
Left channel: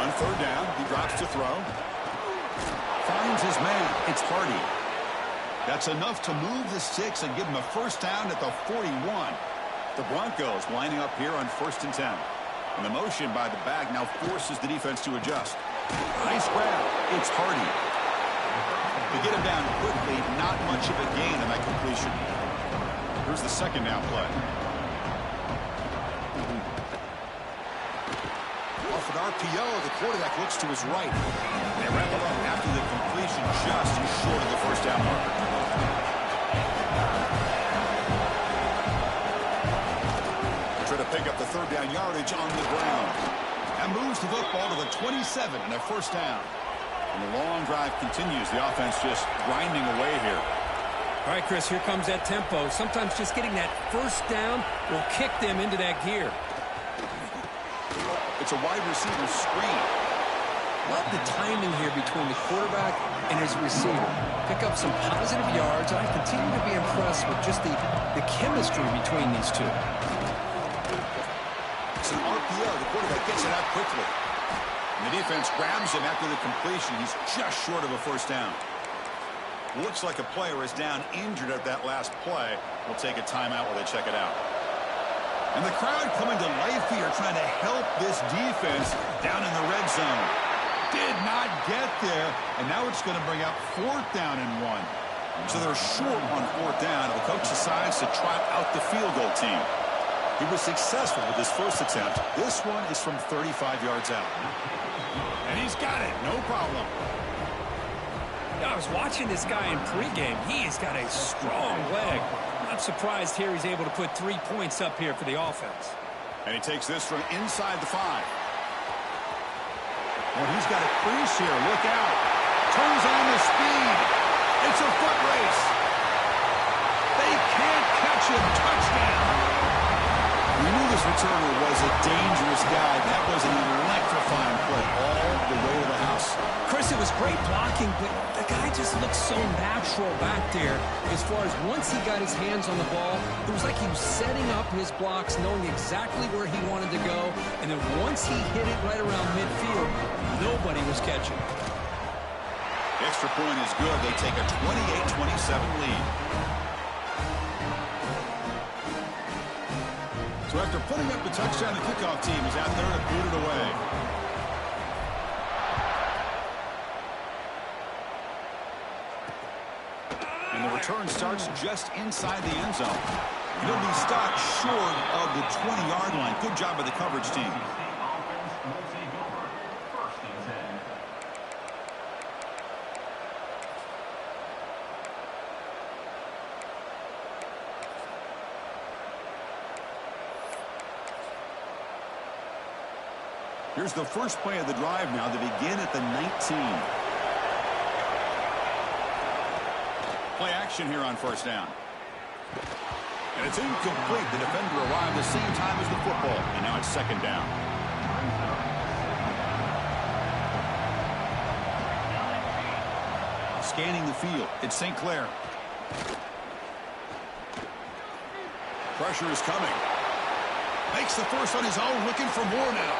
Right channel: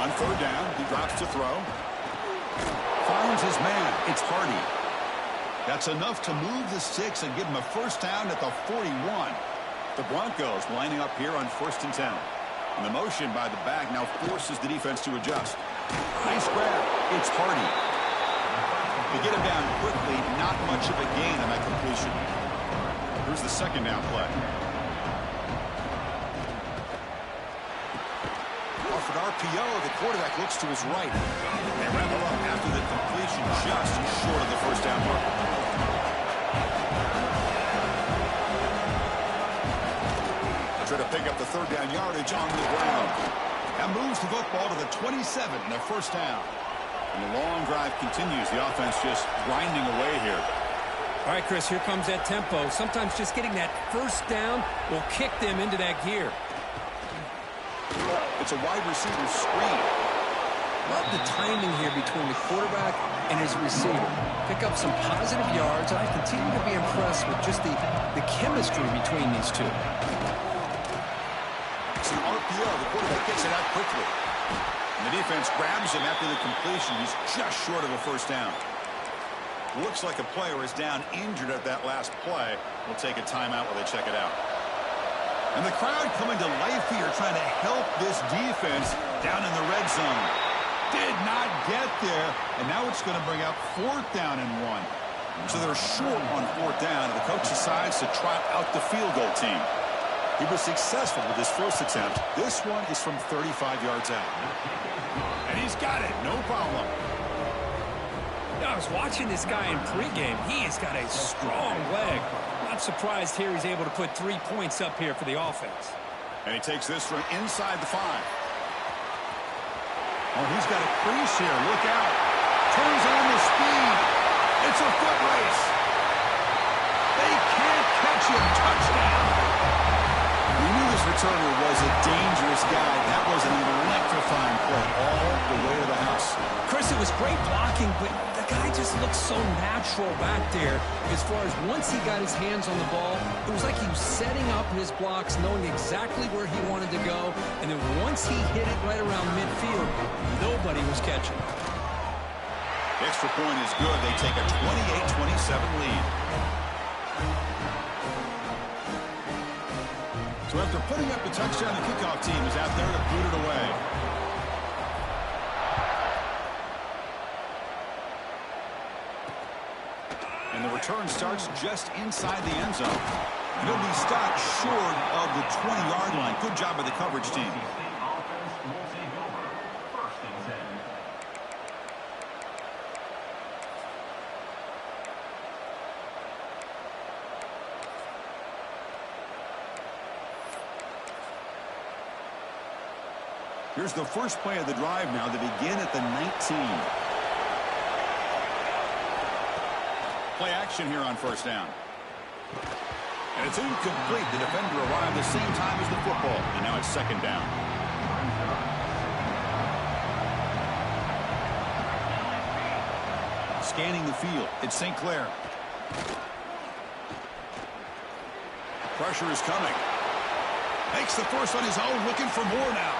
On third down, he drops to throw. Finds his man. It's Hardy. That's enough to move the sticks and give him a first down at the 41. The Broncos lining up here on 1st and 10. And the motion by the back now forces the defense to adjust. Nice grab. It's Hardy. They get him down quickly. Not much of a gain on that completion. Here's the second down play. Off an RPO, the quarterback looks to his right. They wrap him up after the completion just short of the first down marker. They try to pick up the third down yardage on the ground. That moves the football to the 27 and a first down. And the long drive continues. The offense just grinding away here. All right, Chris, here comes that tempo. Sometimes just getting that first down will kick them into that gear. It's a wide receiver screen. Love the timing here between the quarterback and his receiver. Pick up some positive yards, and I continue to be impressed with just the chemistry between these two. It's an RPO. The quarterback gets it out quickly. And the defense grabs him after the completion. He's just short of a first down. Looks like a player is down injured at that last play. We'll take a timeout while they check it out. And the crowd coming to life here, trying to help this defense down in the red zone. Did not get there, and now it's going to bring up 4th down and 1. So they're short on 4th down, and the coach decides to trot out the field goal team. He was successful with his first attempt. This one is from 35 yards out. And he's got it, no problem. I was watching this guy in pregame. He has got a strong leg. Not surprised here he's able to put 3 points up here for the offense. And he takes this from inside the 5. Oh, he's got a crease here. Look out. Turns on the speed. It's a foot race. They can't catch him. Touchdown. We knew this returner was a dangerous guy. That was an electrifying play all the way to the house. Chris, it was great blocking, but the guy just looks so natural back there. As far as once he got his hands on the ball, it was like he was setting up his blocks, knowing exactly where he wanted to go. And then once he hit it right around midfield, nobody was catching. The extra point is good. They take a 28-27 lead. So after putting up the touchdown, the kickoff team is out there to boot it away. And the return starts just inside the end zone. And it'll be stopped short of the 20-yard line. Good job by the coverage team. Here's the first play of the drive now. They begin at the 19. Play action here on 1st down. And it's incomplete. The defender arrived the same time as the football. And now it's 2nd down. Scanning the field. It's St. Clair. Pressure is coming. Makes the first on his own. Looking for more now.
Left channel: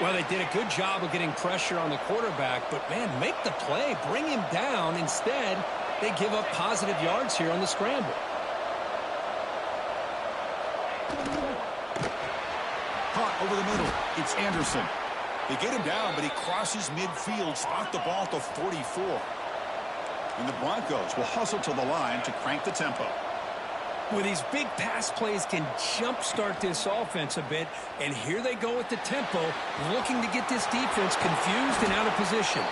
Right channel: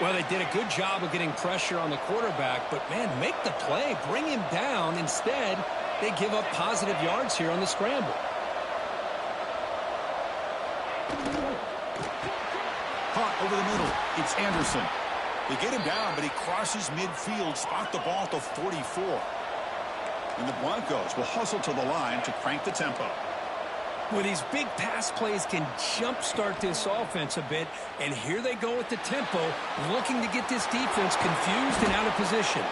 Well, they did a good job of getting pressure on the quarterback, but, man, make the play. Bring him down. Instead, they give up positive yards here on the scramble. Caught over the middle. It's Anderson. They get him down, but he crosses midfield. Spot the ball at the 44. And the Broncos will hustle to the line to crank the tempo. Well, these big pass plays can jumpstart this offense a bit, and here they go with the tempo, looking to get this defense confused and out of position.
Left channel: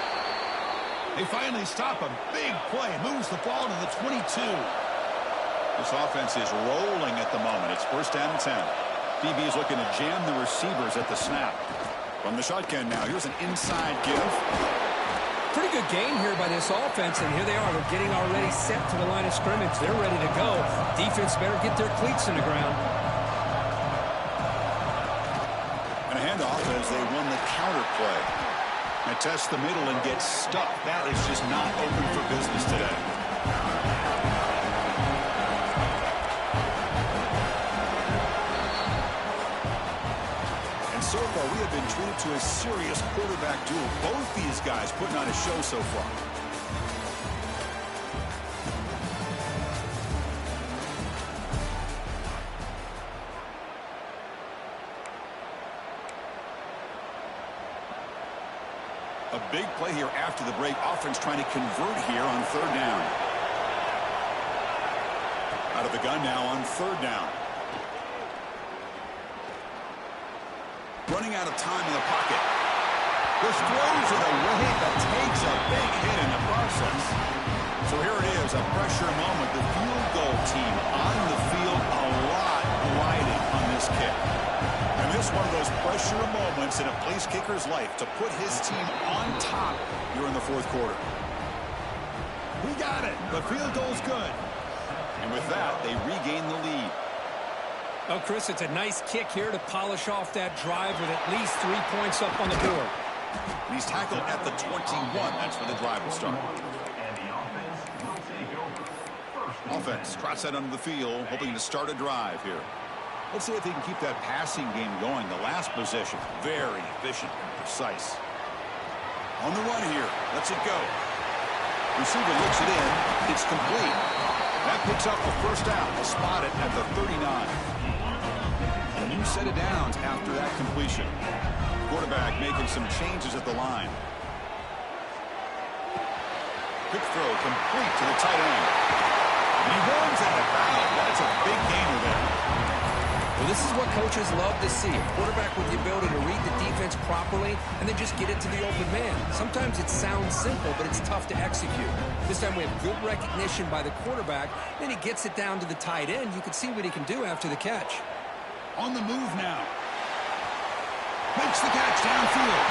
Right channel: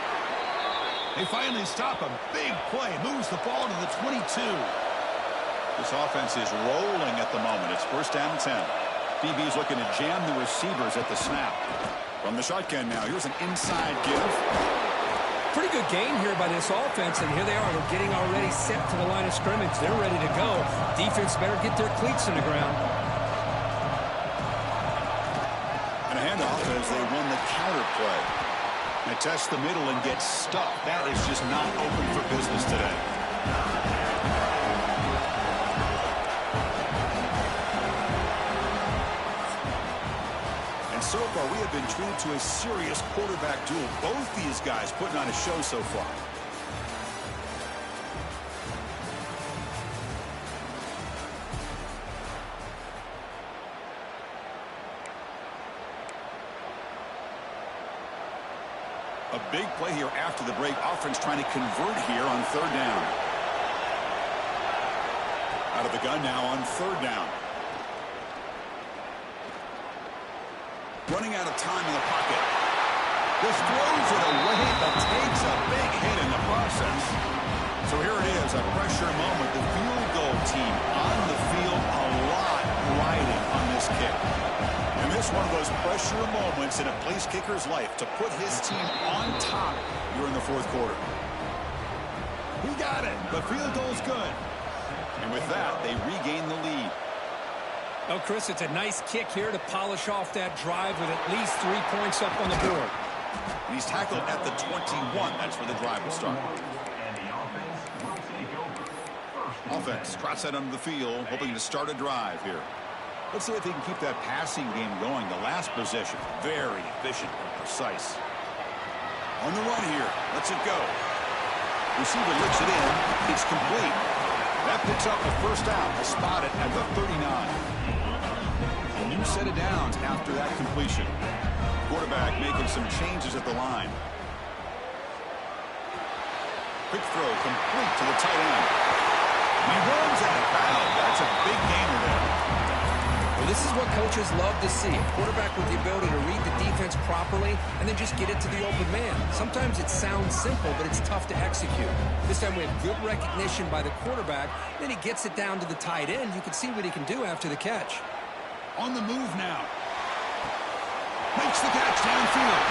They finally stop a big play, moves the ball to the 22. This offense is rolling at the moment. It's 1st down and 10. DB is looking to jam the receivers at the snap. From the shotgun now, here's an inside give. Pretty good gain here by this offense, and here they are. They're getting already set to the line of scrimmage. They're ready to go. Defense better get their cleats in the ground. And a handoff as they run the counter play. And test the middle and get stuck. That is just not open for business today. So far, we have been treated to a serious quarterback duel. Both these guys putting on a show so far. A big play here after the break. Offense trying to convert here on 3rd down. Out of the gun now on 3rd down. Running out of time in the pocket. Just throws it away, but takes a big hit in the process. So here it is, a pressure moment. The field goal team on the field, a lot riding on this kick. And this one of those pressure moments in a place kicker's life to put his team on top here in the 4th quarter. He got it. The field goal's good. And with that, they regain the lead. Oh, Chris, it's a nice kick here to polish off that drive with at least 3 points up on the board. And he's tackled at the 21. That's where the drive will start. Offense trots that under the field, hoping to start a drive here. Let's see if he can keep that passing game going. The last possession, very efficient and precise. On the run here, lets it go. Receiver looks it in. It's complete. That picks up the 1st down. We'll spot it at the 39. A new set of downs after that completion. Quarterback making some changes at the line. Quick throw complete to the tight end. And he runs out of bounds. That's a big gainer there. Well, this is what coaches love to see. A quarterback with the ability to read the defense properly and then just get it to the open man. Sometimes it sounds simple, but it's tough to execute. This time we have good recognition by the quarterback. Then he gets it down to the tight end. You can see what he can do after the catch. On the move now. Makes the catch downfield.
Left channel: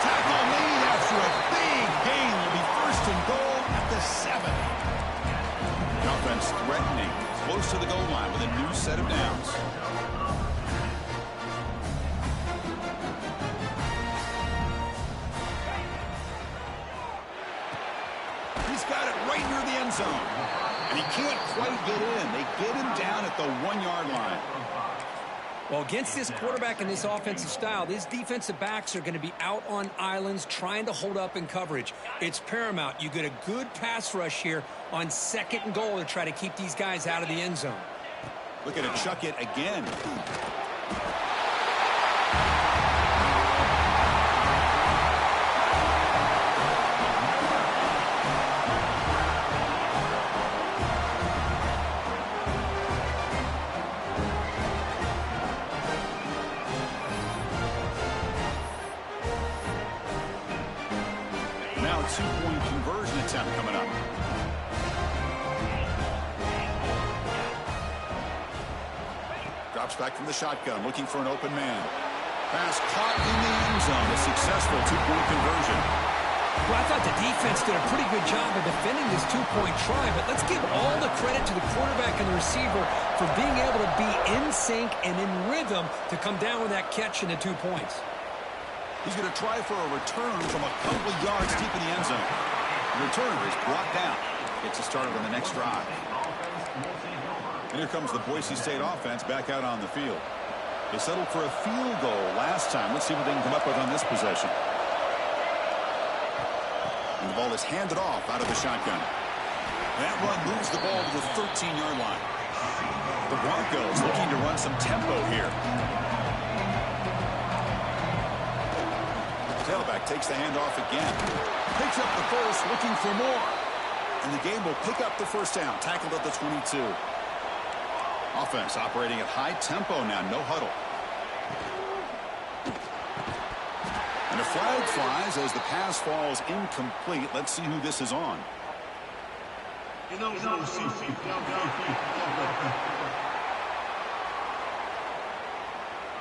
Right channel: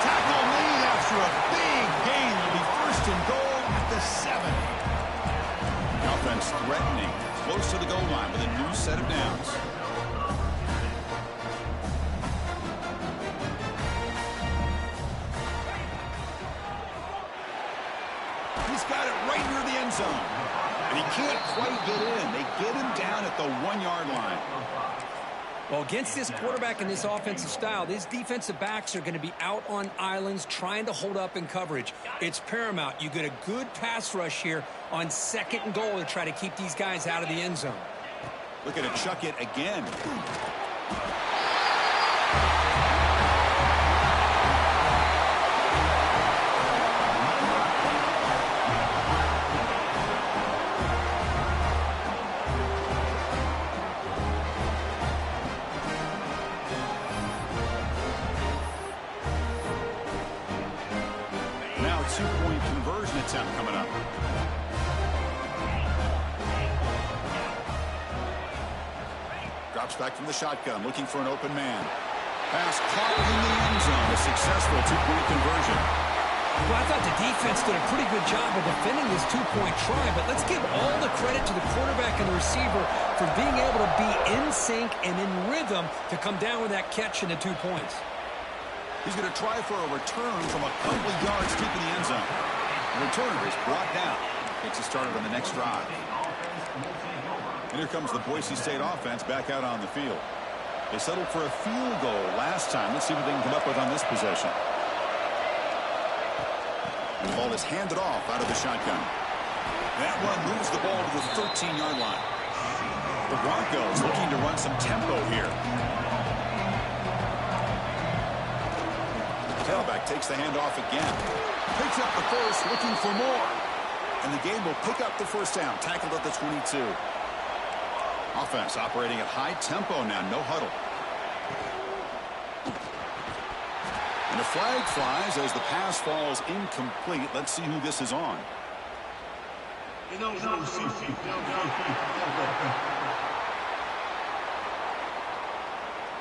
Tackle made after a big gain. Will be first and goal at the 7. The offense threatening. Close to the goal line with a new set of downs. He's got it right near the end zone. And he can't quite get in. They get him down at the 1-yard line. Well, against this quarterback and this offensive style, these defensive backs are going to be out on islands trying to hold up in coverage. It's paramount. You get a good pass rush here on 2nd and goal to try to keep these guys out of the end zone. Look at it, chuck it again. Now a 2-point conversion attempt coming up. Drops back from the shotgun, looking for an open man. Pass caught in the end zone. A successful 2-point conversion. Well, I thought the defense did a pretty good job of defending this 2-point try, but let's give all the credit to the quarterback and the receiver for being able to be in sync and in rhythm to come down with that catch and the 2 points. He's going to try for a return from a couple of yards deep in the end zone. The returner is brought down. Gets it started on the next drive. And here comes the Boise State offense back out on the field. They settled for a field goal last time. Let's see what they can come up with on this possession. And the ball is handed off out of the shotgun. That run moves the ball to the 13-yard line. The Broncos looking to run some tempo here. Tailback takes the handoff again. Picks up the first, looking for more. And the game will pick up the first down. Tackled at the 22. Offense operating at high tempo now. No huddle. And a flag flies as the pass falls incomplete. Let's see who this is on.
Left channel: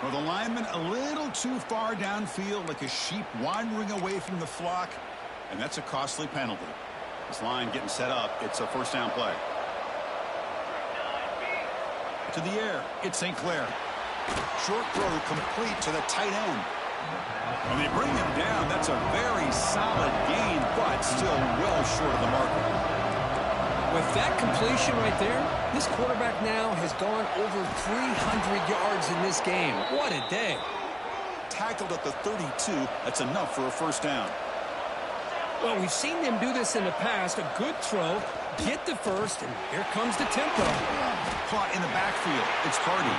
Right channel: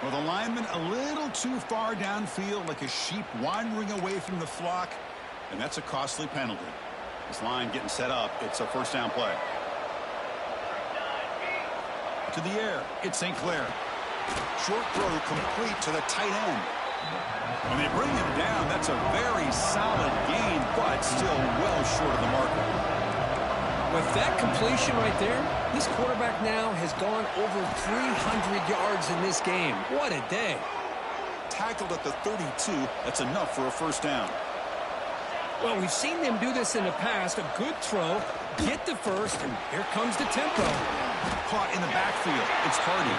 Well, the lineman a little too far downfield, like a sheep wandering away from the flock. And that's a costly penalty. This line getting set up. It's a first down play. To the air. It's St. Clair. Short throw complete to the tight end. And they bring him down. That's a very solid gain, but still well short of the marker. With that completion right there, this quarterback now has gone over 300 yards in this game. What a day. Tackled at the 32. That's enough for a first down. Well, we've seen them do this in the past. A good throw, get the first, and here comes the tempo. Caught in the backfield. It's Hardy.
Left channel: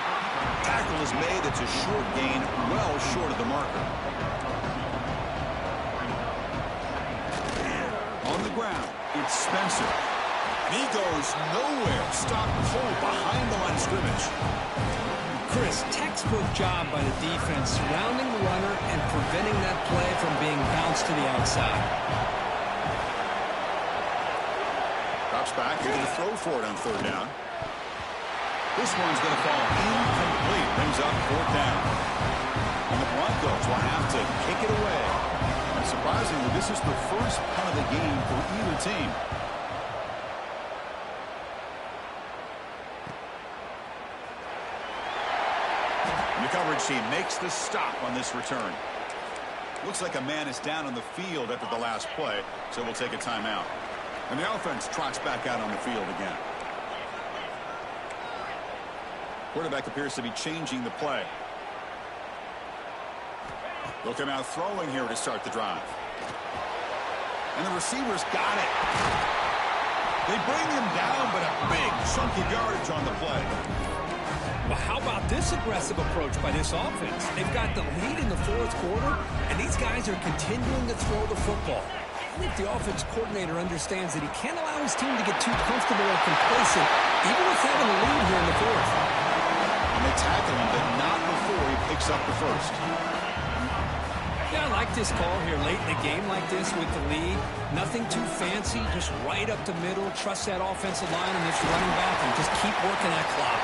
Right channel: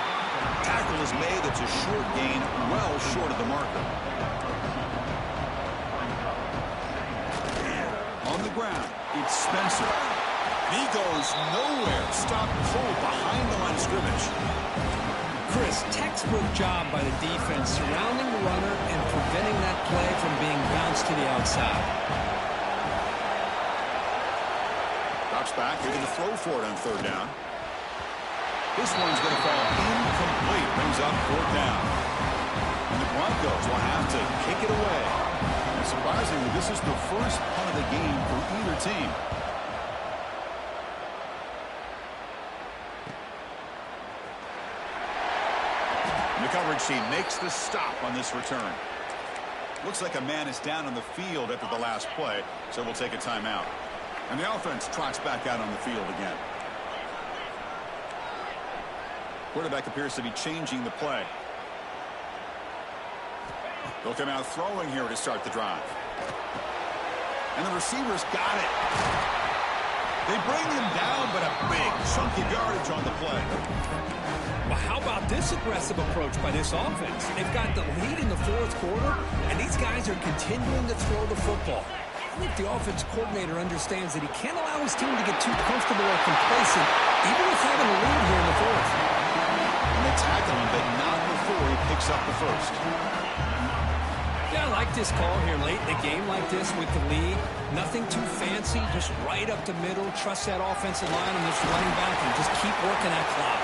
Tackle is made. It's a short gain, well short of the marker. On the ground, it's Spencer. And he goes nowhere. Stopped cold behind the line of scrimmage. Chris, textbook job by the defense surrounding the runner and preventing that play from being bounced to the outside. Drops back, here to throw for it on third down. This one's going to fall incomplete. Brings up fourth down. And the Broncos will have to kick it away. And surprisingly, this is the first punt of the game for either team. And the coverage team makes the stop on this return. Looks like a man is down on the field after the last play, so we'll take a timeout. And the offense trots back out on the field again. Quarterback appears to be changing the play. They'll come out throwing here to start the drive. And the receivers got it. They bring him down, but a big chunk of yardage on the play. Well, how about this aggressive approach by this offense? They've got the lead in the fourth quarter, and these guys are continuing to throw the football. I think the offense coordinator understands that he can't allow his team to get too comfortable or complacent, even with having a lead here in the fourth. And they tackle him, but not before he picks up the first. Yeah, I like this call here late in the game like this with the lead. Nothing too fancy, just right up the middle. Trust that offensive line and this running back and just keep working that clock.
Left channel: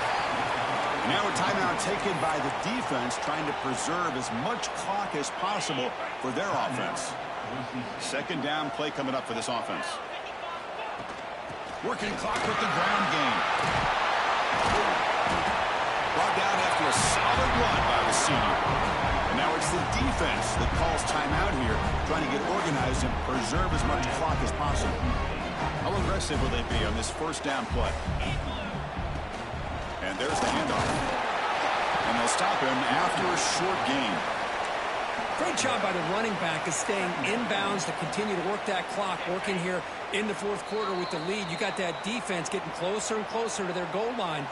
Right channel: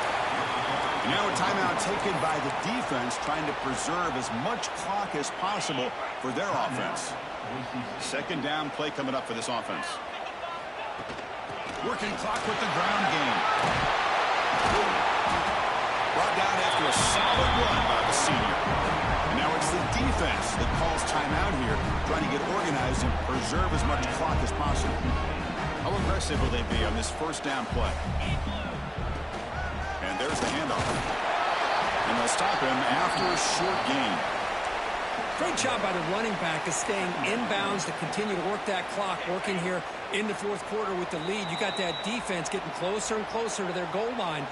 And now a timeout taken by the defense, trying to preserve as much clock as possible for their offense. Second down play coming up for this offense. Working clock with the ground game. Brought down after a solid run by the senior. And now it's the defense that calls timeout here, trying to get organized and preserve as much clock as possible. How aggressive will they be on this first down play? And there's the handoff. And they'll stop him after a short gain. Great job by the running back of staying inbounds to continue to work that clock, working here in the fourth quarter with the lead. You got that defense getting closer and closer to their goal line.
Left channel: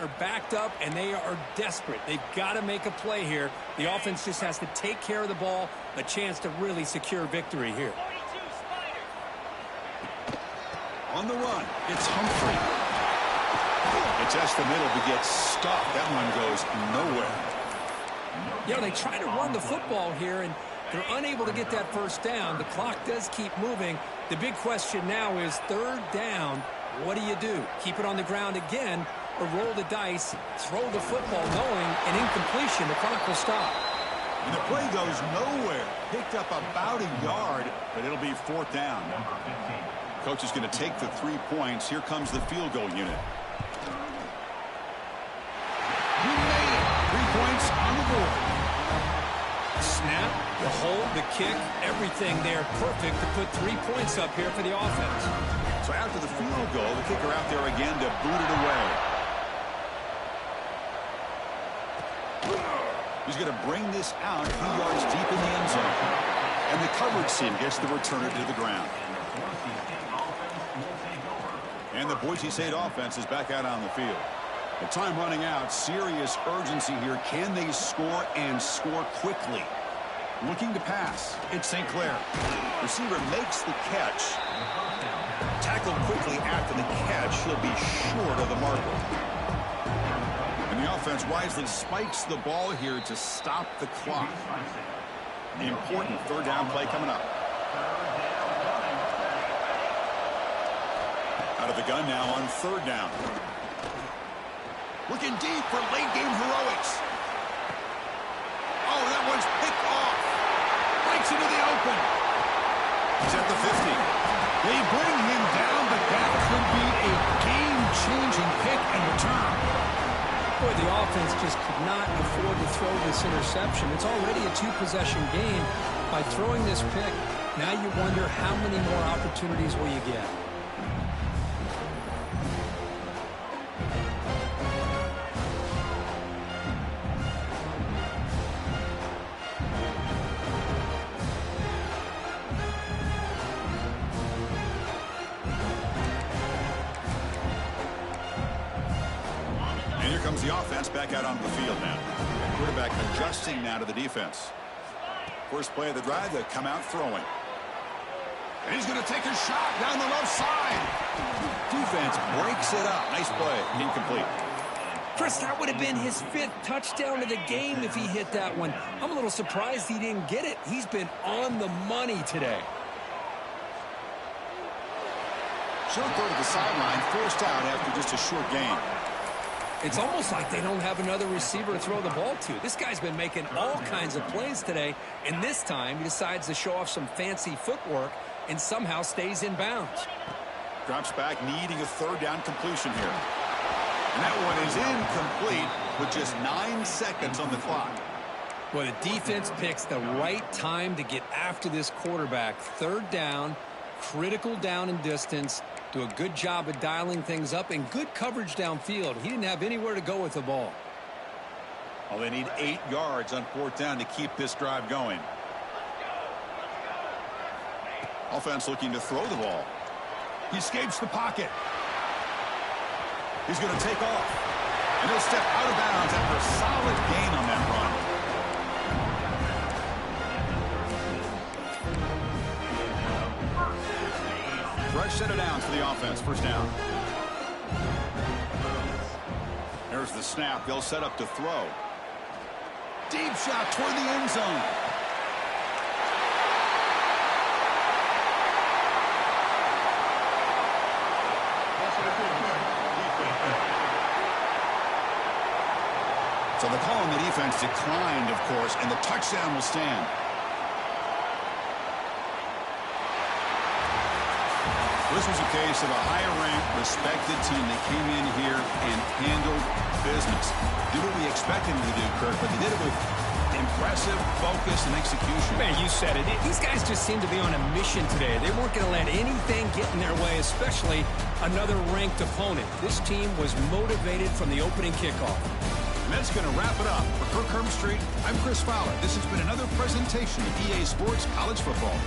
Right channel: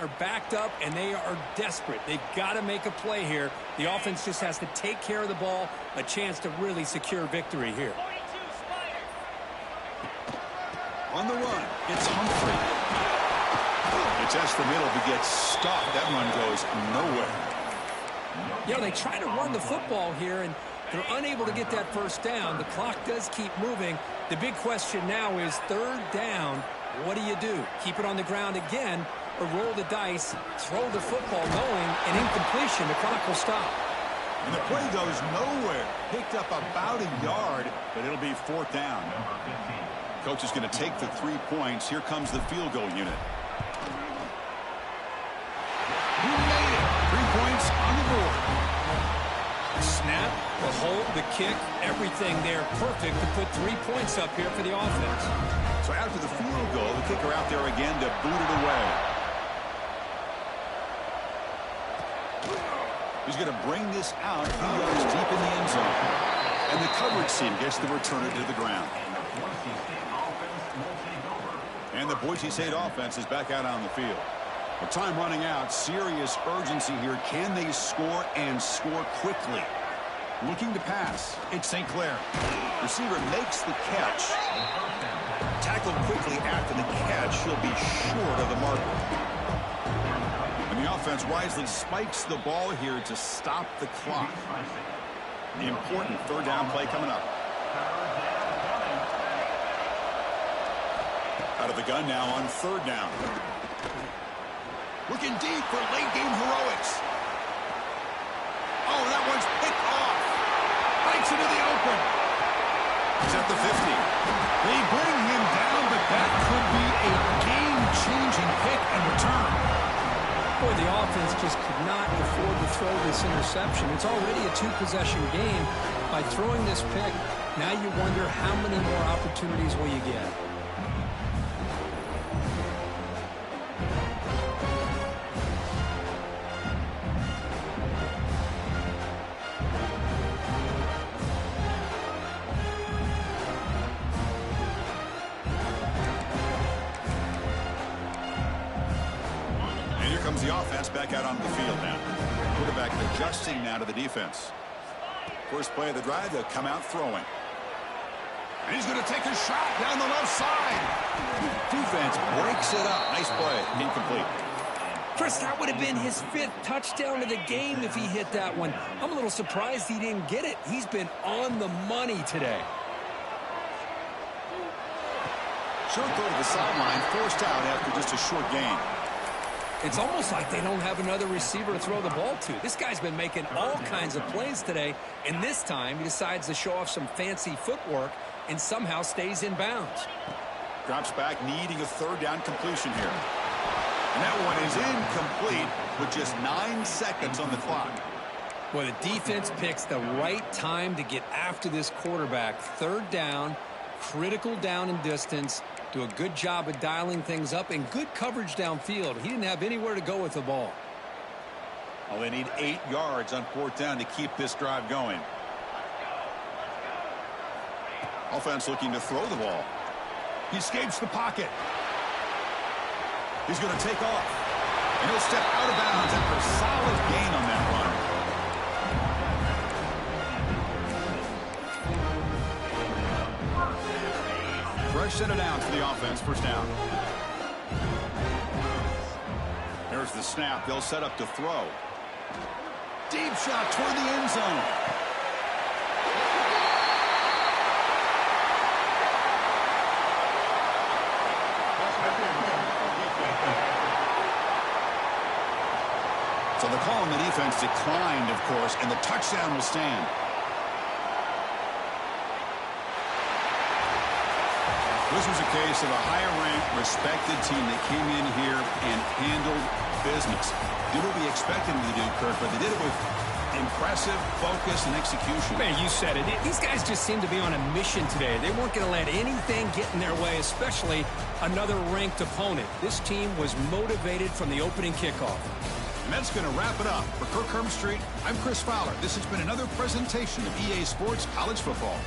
Are backed up and they are desperate. They've got to make a play here. The offense just has to take care of the ball, a chance to really secure victory here. On the run, it's Humphrey. It's just the middle to get stopped. That one goes nowhere. You know, they try to run the football here, and they're unable to get that first down. The clock does keep moving. The big question now is third down. What do? Keep it on the ground again, or roll the dice, throw the football, knowing an incompletion, the clock will stop. And the play goes nowhere. Picked up about a yard, but it'll be fourth down. Coach is going to take the 3 points. Here comes the field goal unit. He made it. 3 points on the board. Snap, the hold, the kick, everything there perfect to put 3 points up here for the offense. So after the field goal, the kicker out there again to boot it away. He's going to bring this out a few yards deep in the end zone. And the coverage team gets the returner to the ground. And the Boise State offense is back out on the field. With time running out, serious urgency here. Can they score and score quickly? Looking to pass. It's St. Clair. Receiver makes the catch. Tackled quickly after the catch. He'll be short of the marker. And the offense wisely spikes the ball here to stop the clock. The important third down play coming up. Out of the gun now on third down. Looking deep for late game heroics. Oh, that one's picked off. Breaks into the open. He's at the 50. They bring him down, but that could be a game-changing pick and return. Boy, the offense just could not afford to throw this interception. It's already a two-possession game. By throwing this pick, now you wonder how many more opportunities will you get. Comes the offense back out onto the field now. Quarterback adjusting now to the defense. First play of the drive, they'll come out throwing. And he's going to take a shot down the left side. Defense breaks it up. Nice play. Incomplete. Chris, that would have been his 5th touchdown of the game if he hit that one. I'm a little surprised he didn't get it. He's been on the money today. Short throw to the sideline, forced out after just a short gain. It's almost like they don't have another receiver to throw the ball to. This guy's been making all kinds of plays today, and this time he decides to show off some fancy footwork and somehow stays in bounds. Drops back, needing a third down completion here. And that one is incomplete with just 9 seconds on the clock. Well, the defense picks the right time to get after this quarterback. Third down, critical down and distance. Do a good job of dialing things up and good coverage downfield. He didn't have anywhere to go with the ball. Well, they need 8 yards on 4th down to keep this drive going. Offense looking to throw the ball. He escapes the pocket. He's going to take off. And he'll step out of bounds after a solid gain on that run. Fresh set of downs for the offense. First down. There's the snap. They'll set up to throw. Deep shot toward the end zone. So the call on the defense declined, of course, and the touchdown will stand. This was a case of a higher-ranked, respected team that came in here and handled business. Did what we expected them to do, Kirk, but they did it with impressive focus and execution. Man, you said it. These guys just seem to be on a mission today. They weren't going to let anything get in their way, especially another ranked opponent. This team was motivated from the opening kickoff. And that's going to wrap it up. For Kirk Hermstreet, I'm Chris Fowler. This has been another presentation of EA Sports College Football.